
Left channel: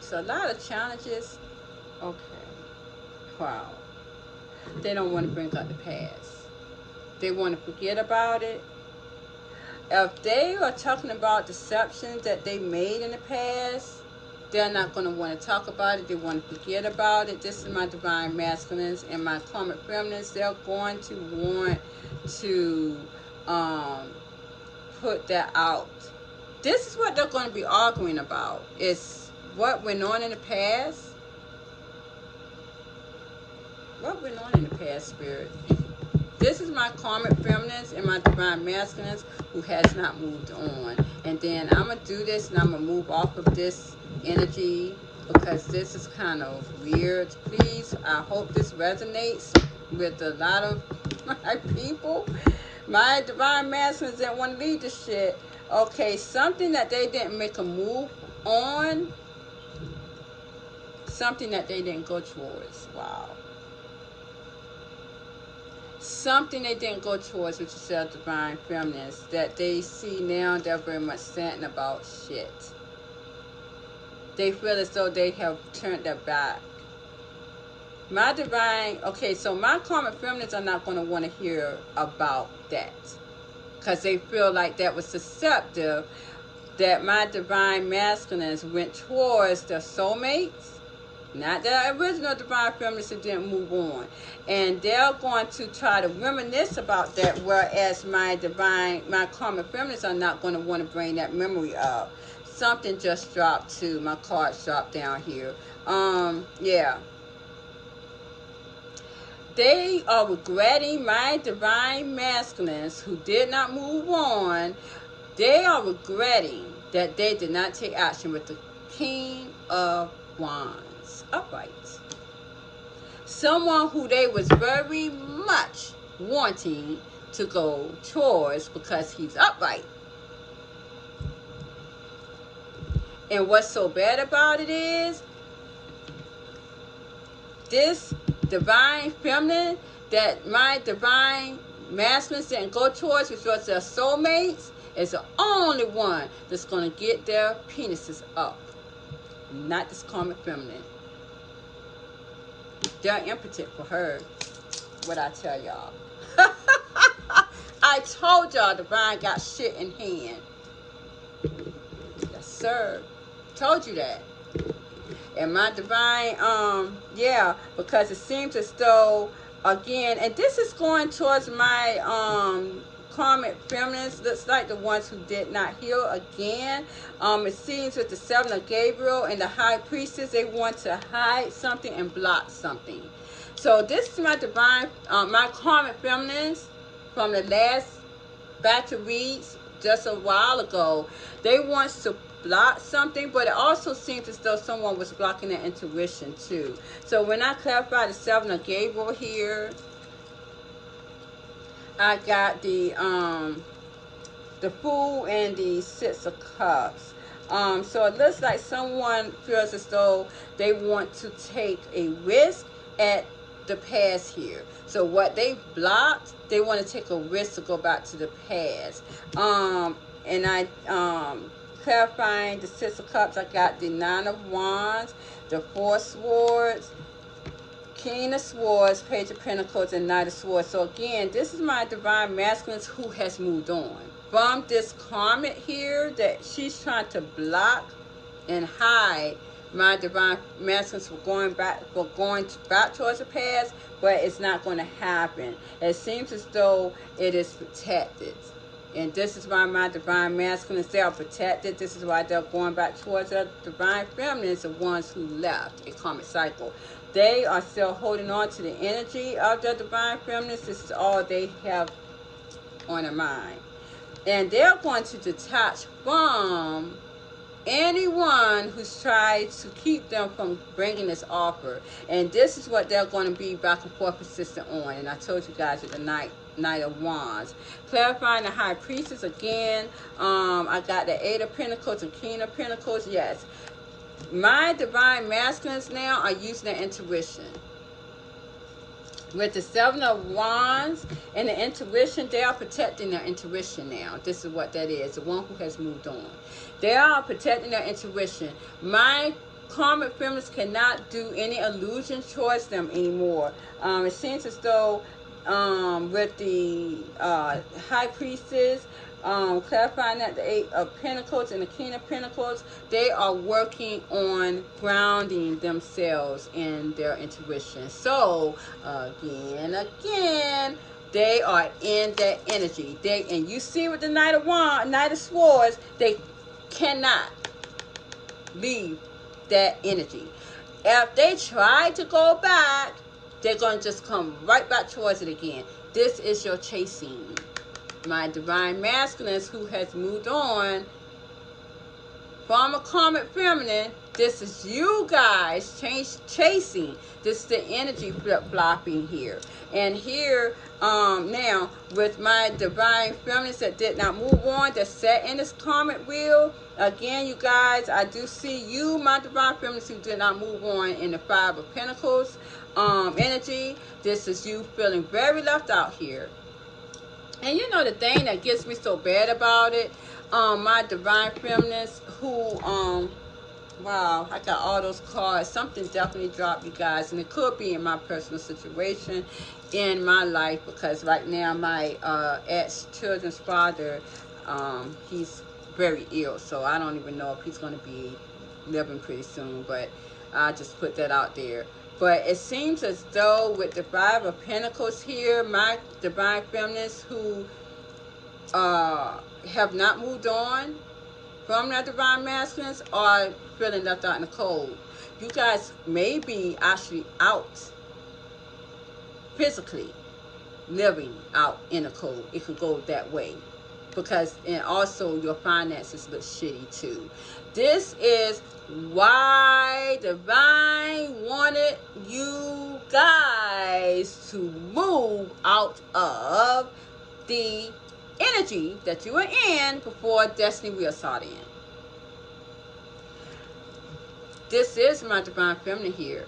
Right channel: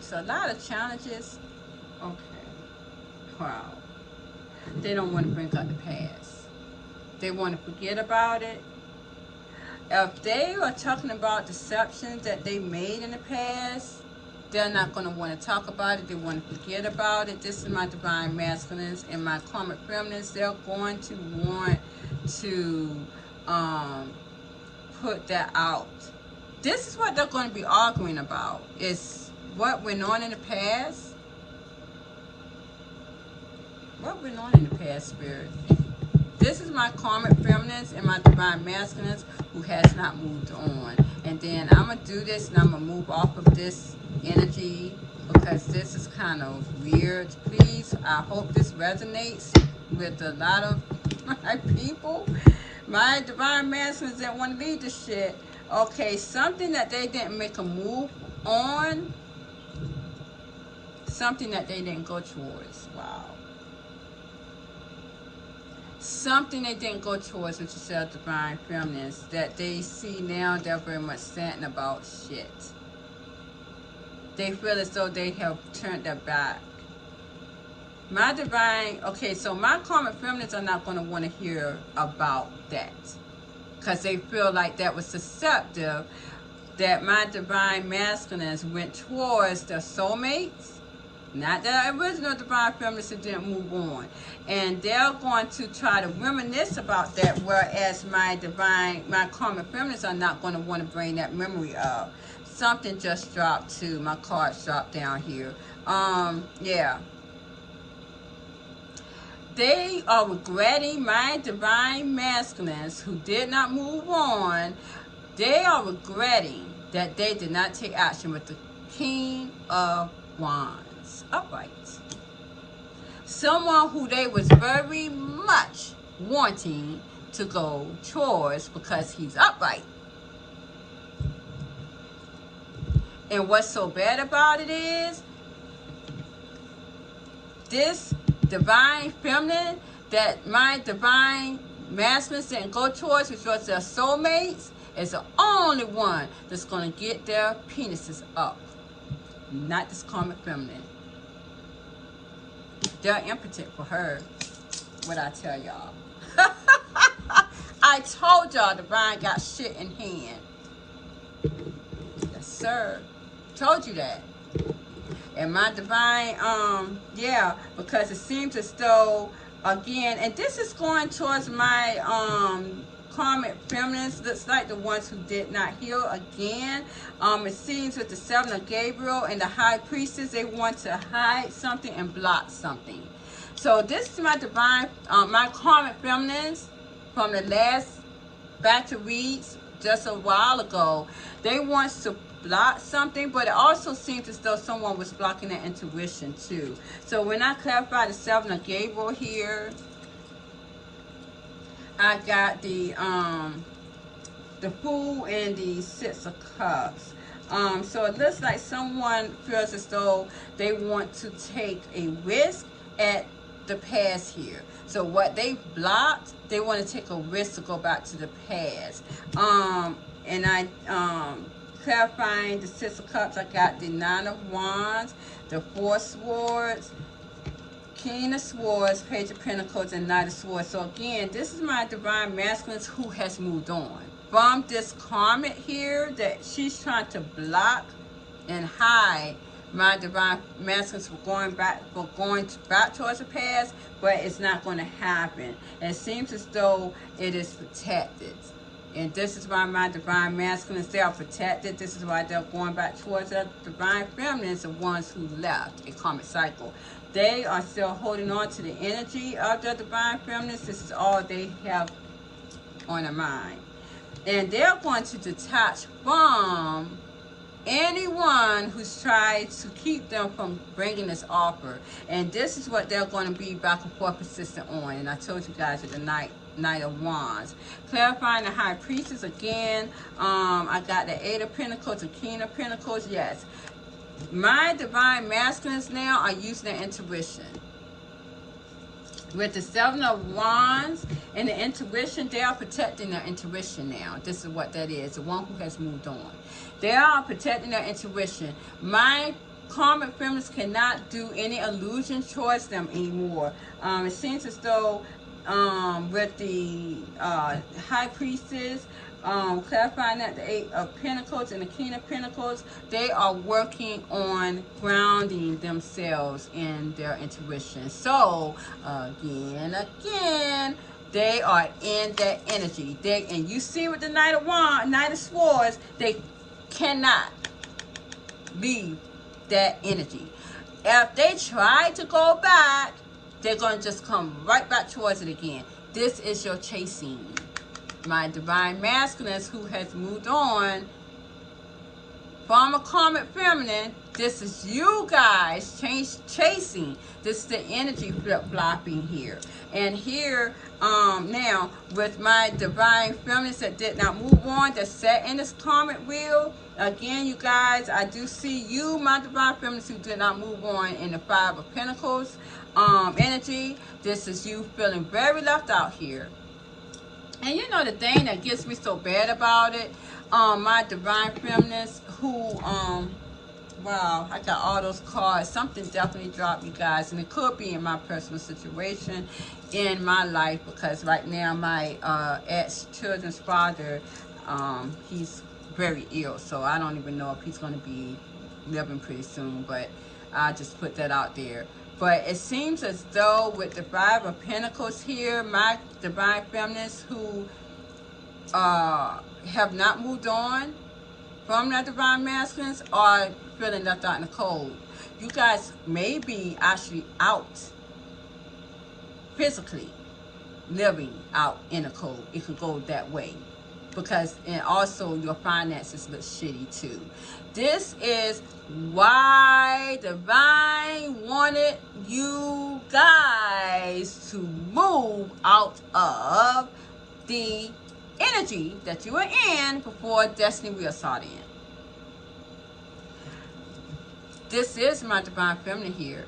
So a lot of challenges. Okay. Wow. They don't want to bring up the past. They want to forget about it. If they are talking about deceptions that they made in the past, they're not going to want to talk about it. They want to forget about it. This is my divine masculines and my karmic feminines. They're going to want to put that out. This is what they're going to be arguing about. It's what went on in the past. What went on in the past, Spirit? This is my karmic feminines and my divine masculines who has not moved on. And then I'm going to do this and I'm going to move off of this energy because this is kind of weird. Please, I hope this resonates with a lot of my people. My divine masculines that want to lead the shit. Okay, something that they didn't make a move on. Something that they didn't go towards. Wow. Something they didn't go towards, which is their divine feminines, that they see now they're very much saying about shit. They feel as though they have turned their back. My divine, okay, so my karmic feminines are not going to want to hear about that. Because they feel like that was deceptive, that my divine masculines went towards their soulmates. Not that original divine feminines who didn't move on. And they're going to try to reminisce about that, whereas my karmic feminines are not going to want to bring that memory up. Something just dropped too. My cards dropped down here. Yeah. They are regretting my divine masculines who did not move on. They are regretting that they did not take action with the King of Wands. Upright. Someone who they was very much wanting to go towards because he's upright. And what's so bad about it is this divine feminine that my divine masculines didn't go towards, which was their soulmates, is the only one that's going to get their penises up. Not this karmic feminine. They're impotent for her. What I tell y'all. I told y'all divine got shit in hand. Yes, sir. Told you that. And my divine, yeah, because it seems as though, again, and this is going towards my karmic feminines. Looks like the ones who did not heal again. It seems with the Seven of Gabriel and the High Priestess, they want to hide something and block something. So this is my divine, my karmic feminines from the last batch of reads just a while ago. They want to block something, but it also seems as though someone was blocking their intuition too. So when I clarify the Seven of Gabriel here, I got the Fool and the Six of Cups. So it looks like someone feels as though they want to take a risk at the past here. So what they blocked, they want to take a risk to go back to the past. And I clarifying the Six of Cups, I got the Nine of Wands, the Four Swords, King of Swords, Page of Pentacles, and Knight of Swords. So again, this is my divine masculines who has moved on from this karmic here that she's trying to block and hide. My divine masculines for going back towards the past, but it's not going to happen. It seems as though it is protected. And this is why my divine masculines, they are protected. This is why they're going back towards their divine feminines, the ones who left a karmic cycle. They are still holding on to the energy of their divine feminines. This is all they have on their mind. And they're going to detach from anyone who's tried to keep them from bringing this offer. And this is what they're going to be back and forth persistent on. And I told you guys at the Knight of Wands. Clarifying the High Priestess again. I got the Eight of Pentacles, the King of Pentacles. Yes. My divine masculines now are using their intuition. With the Seven of Wands and the intuition, they are protecting their intuition now. This is what that is. The one who has moved on. They are protecting their intuition. My karmic feminines cannot do any illusions towards them anymore. It seems as though with the High Priestess, clarifying that the Eight of Pentacles and the King of Pentacles, they are working on grounding themselves in their intuition. So again, they are in that energy. And you see with the Knight of Swords, they cannot leave that energy. If they try to go back, they're going to just come right back towards it again. This is your chasing. My divine masculines who has moved on from a karmic feminine, this is you guys chasing. This is the energy flip-flopping here. And here, now, with my divine feminines that did not move on, that's set in this karmic wheel. Again, you guys, I do see you, my divine feminines, who did not move on in the Five of Pentacles energy. This is you feeling very left out here. And you know the thing that gets me so bad about it, my divine feminines who, wow, I got all those cards. Something definitely dropped, you guys. And it could be in my personal situation in my life, because right now my ex-children's father, he's very ill. So I don't even know if he's going to be living pretty soon. But I'll just put that out there. But it seems as though with the Five of Pentacles here, my divine feminines who have not moved on from their divine masculines are feeling left out in the cold. You guys may be actually out physically, living out in the cold. It could go that way. Because, and also your finances look shitty too. This is why Divine wanted you guys to move out of the energy that you were in before Destiny Wheel started in. This is my divine feminine here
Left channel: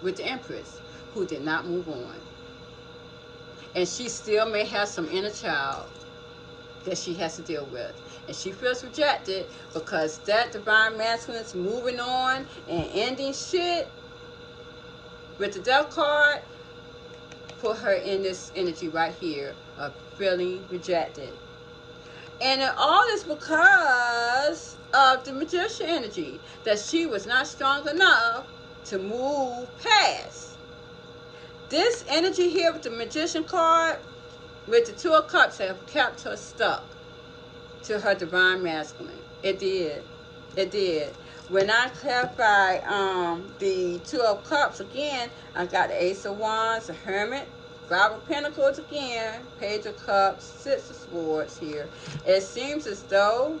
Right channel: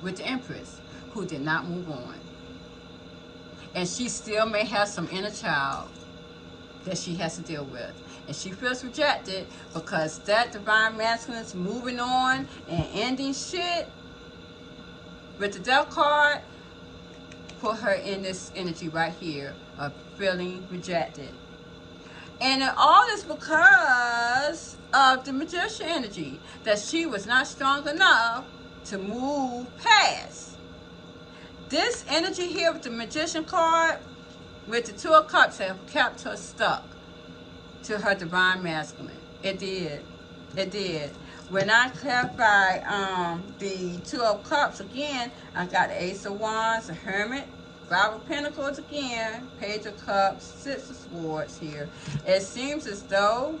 with the Empress who did not move on. And she still may have some inner child that she has to deal with. And she feels rejected because that divine masculine is moving on and ending shit with the Death card. Put her in this energy right here of feeling rejected. And it all is because of the Magician energy, that she was not strong enough to move past. This energy here with the Magician card, with the Two of Cups, have kept her stuck to her divine masculine. It did. It did. When I clarify the Two of Cups again, I got the Ace of Wands, the Hermit, Five of Pentacles again, Page of Cups, Six of Swords here. It seems as though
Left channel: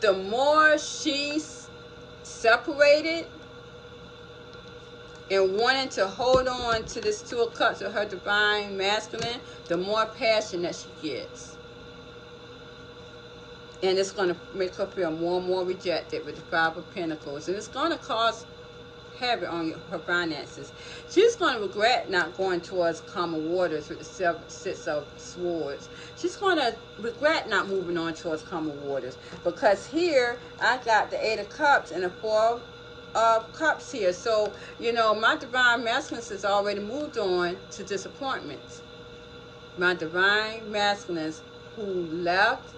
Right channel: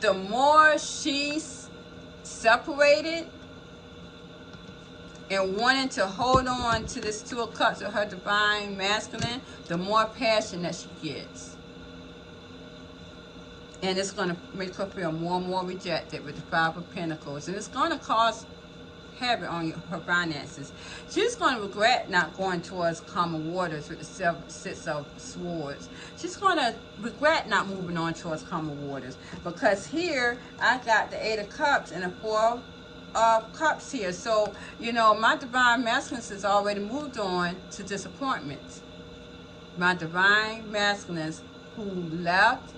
the more she's separated and wanting to hold on to this Two of Cups of her divine masculine, the more passion that she gets. And it's going to make her feel more and more rejected with the Five of Pentacles. And it's going to cause havoc on her finances. She's going to regret not going towards calmer waters with the Six of Swords. She's going to regret not moving on towards calmer waters. Because here, I got the Eight of Cups and the Four of Cups here. So, you know, my divine masculine has already moved on to disappointments. My divine masculines who left,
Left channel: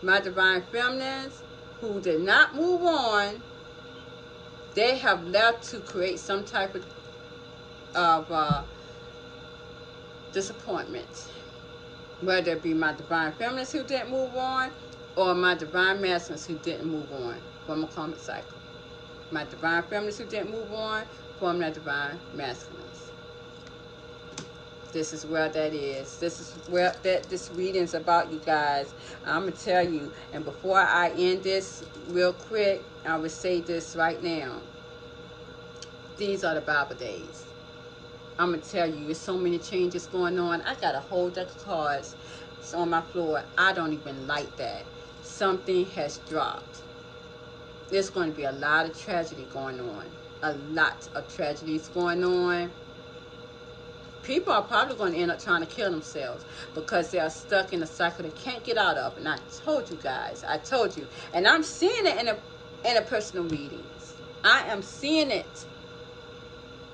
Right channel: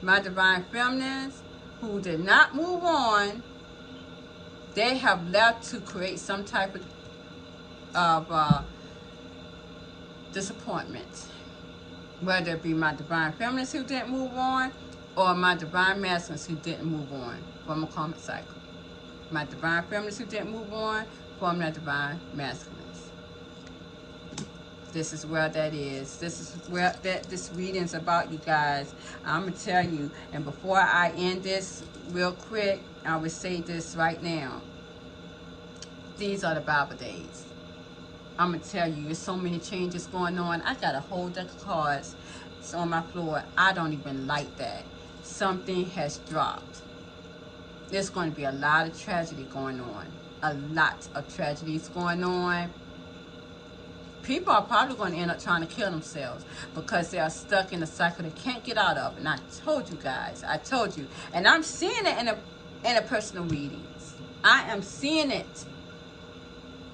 my divine feminines who did not move on, they have left to create some type of disappointments. Whether it be my divine feminines who didn't move on, or my divine masculines who didn't move on from a karmic cycle. My divine feminines who didn't move on from their divine masculines. This is where that is. This is where this reading's about, you guys. I'm going to tell you, and before I end this real quick, I will say this right now. These are the Bible days. I'm going to tell you, there's so many changes going on. I got a whole deck of cards on my floor. I don't even like that. Something has dropped. There's going to be a lot of tragedy going on. A lot of tragedies going on. People are probably going to end up trying to kill themselves because they are stuck in a cycle they can't get out of. And I told you guys. I told you. And I'm seeing it in a personal readings. I am seeing it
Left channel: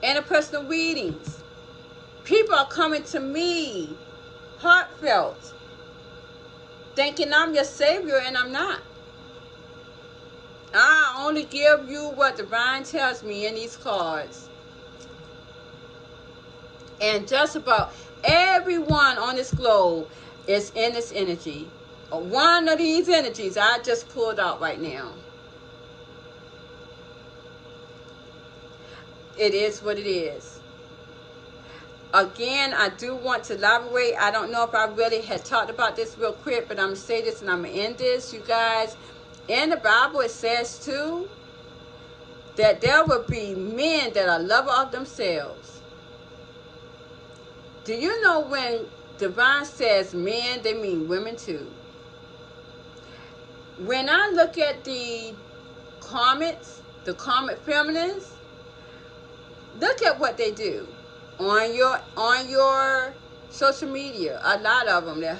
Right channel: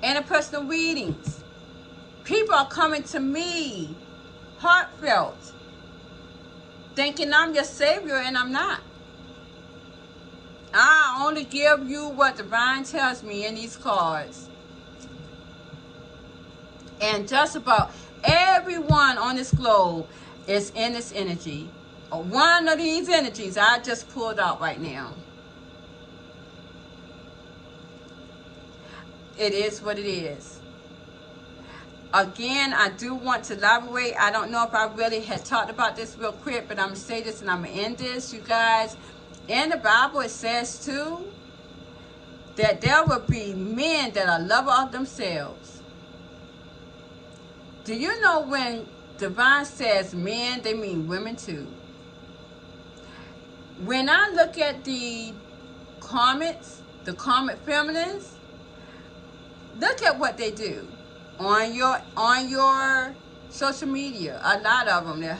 in a personal readings. People are coming to me, heartfelt, thinking I'm your savior, and I'm not. I only give you what divine tells me in these cards. And just about everyone on this globe is in this energy. One of these energies I just pulled out right now. It is what it is. Again, I do want to elaborate. I don't know if I really had talked about this real quick, but I'm going to say this and I'm going to end this, you guys. In the Bible, it says, too, that there will be men that are lovers of themselves. Do you know when divine says men, they mean women, too? When I look at the karmics, the karmic feminines, look at what they do on your social media. A lot of them, they're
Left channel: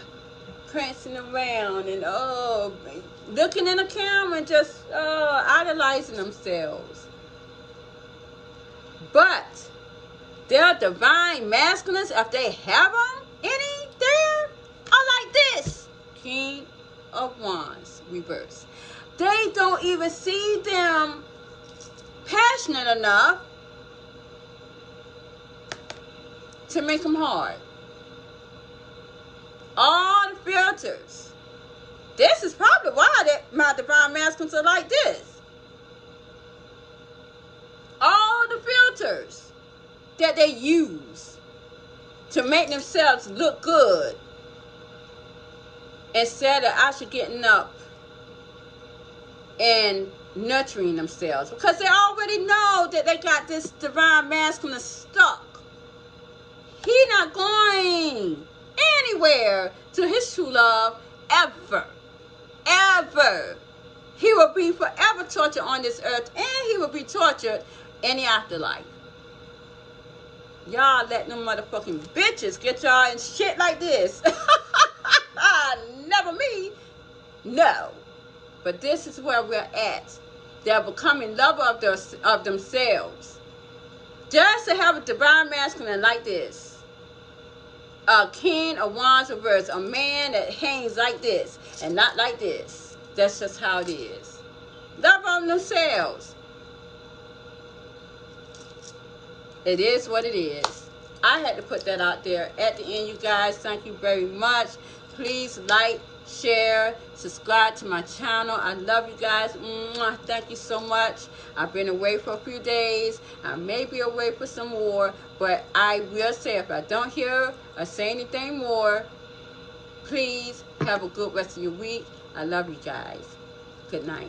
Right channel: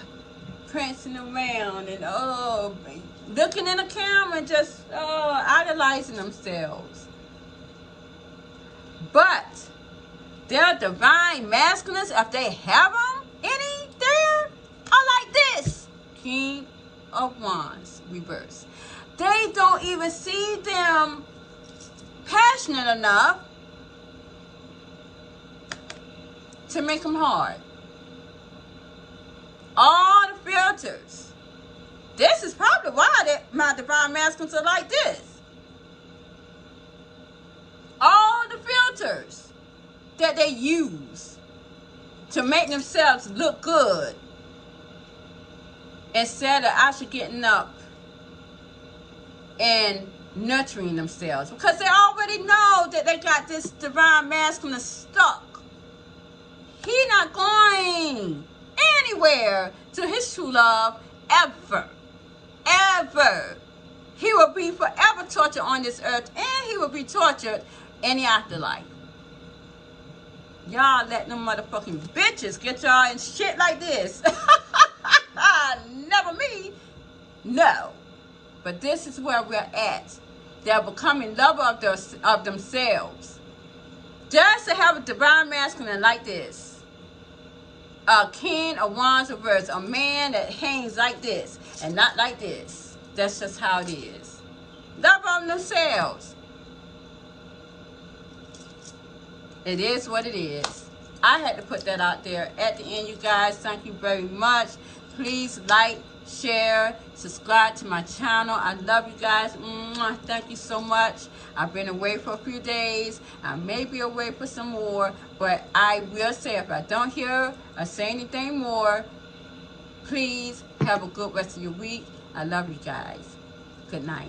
prancing around and looking in the camera and just idolizing themselves. But their divine masculines, if they have them any there, are like this. King of Wands, reverse. They don't even see them passionate enough to make them hard. All the filters. This is probably why my divine masculines are like this. All the filters that they use to make themselves look good, instead of actually getting up and nurturing themselves, because they already know that they got this divine masculine stuck. He's not going anywhere to his true love ever. Ever. He will be forever tortured on this earth, and he will be tortured in the afterlife. Y'all let them motherfucking bitches get y'all in shit like this. Never me. No. But this is where we're at. They're becoming lovers of themselves. Just to have a divine masculine like this. A king of wands reverse. A man that hangs like this and not like this. That's just how it is. Love on themselves. It is what it is. I had to put that out there at the end, you guys. Thank you very much. Please like, share, subscribe to my channel. I love you guys. Mwah. Thank you so much. I've been away for a few days. I may be away for some more, but I will say, if I don't hear or say anything more, please have a good rest of your week. I love you guys. Good night.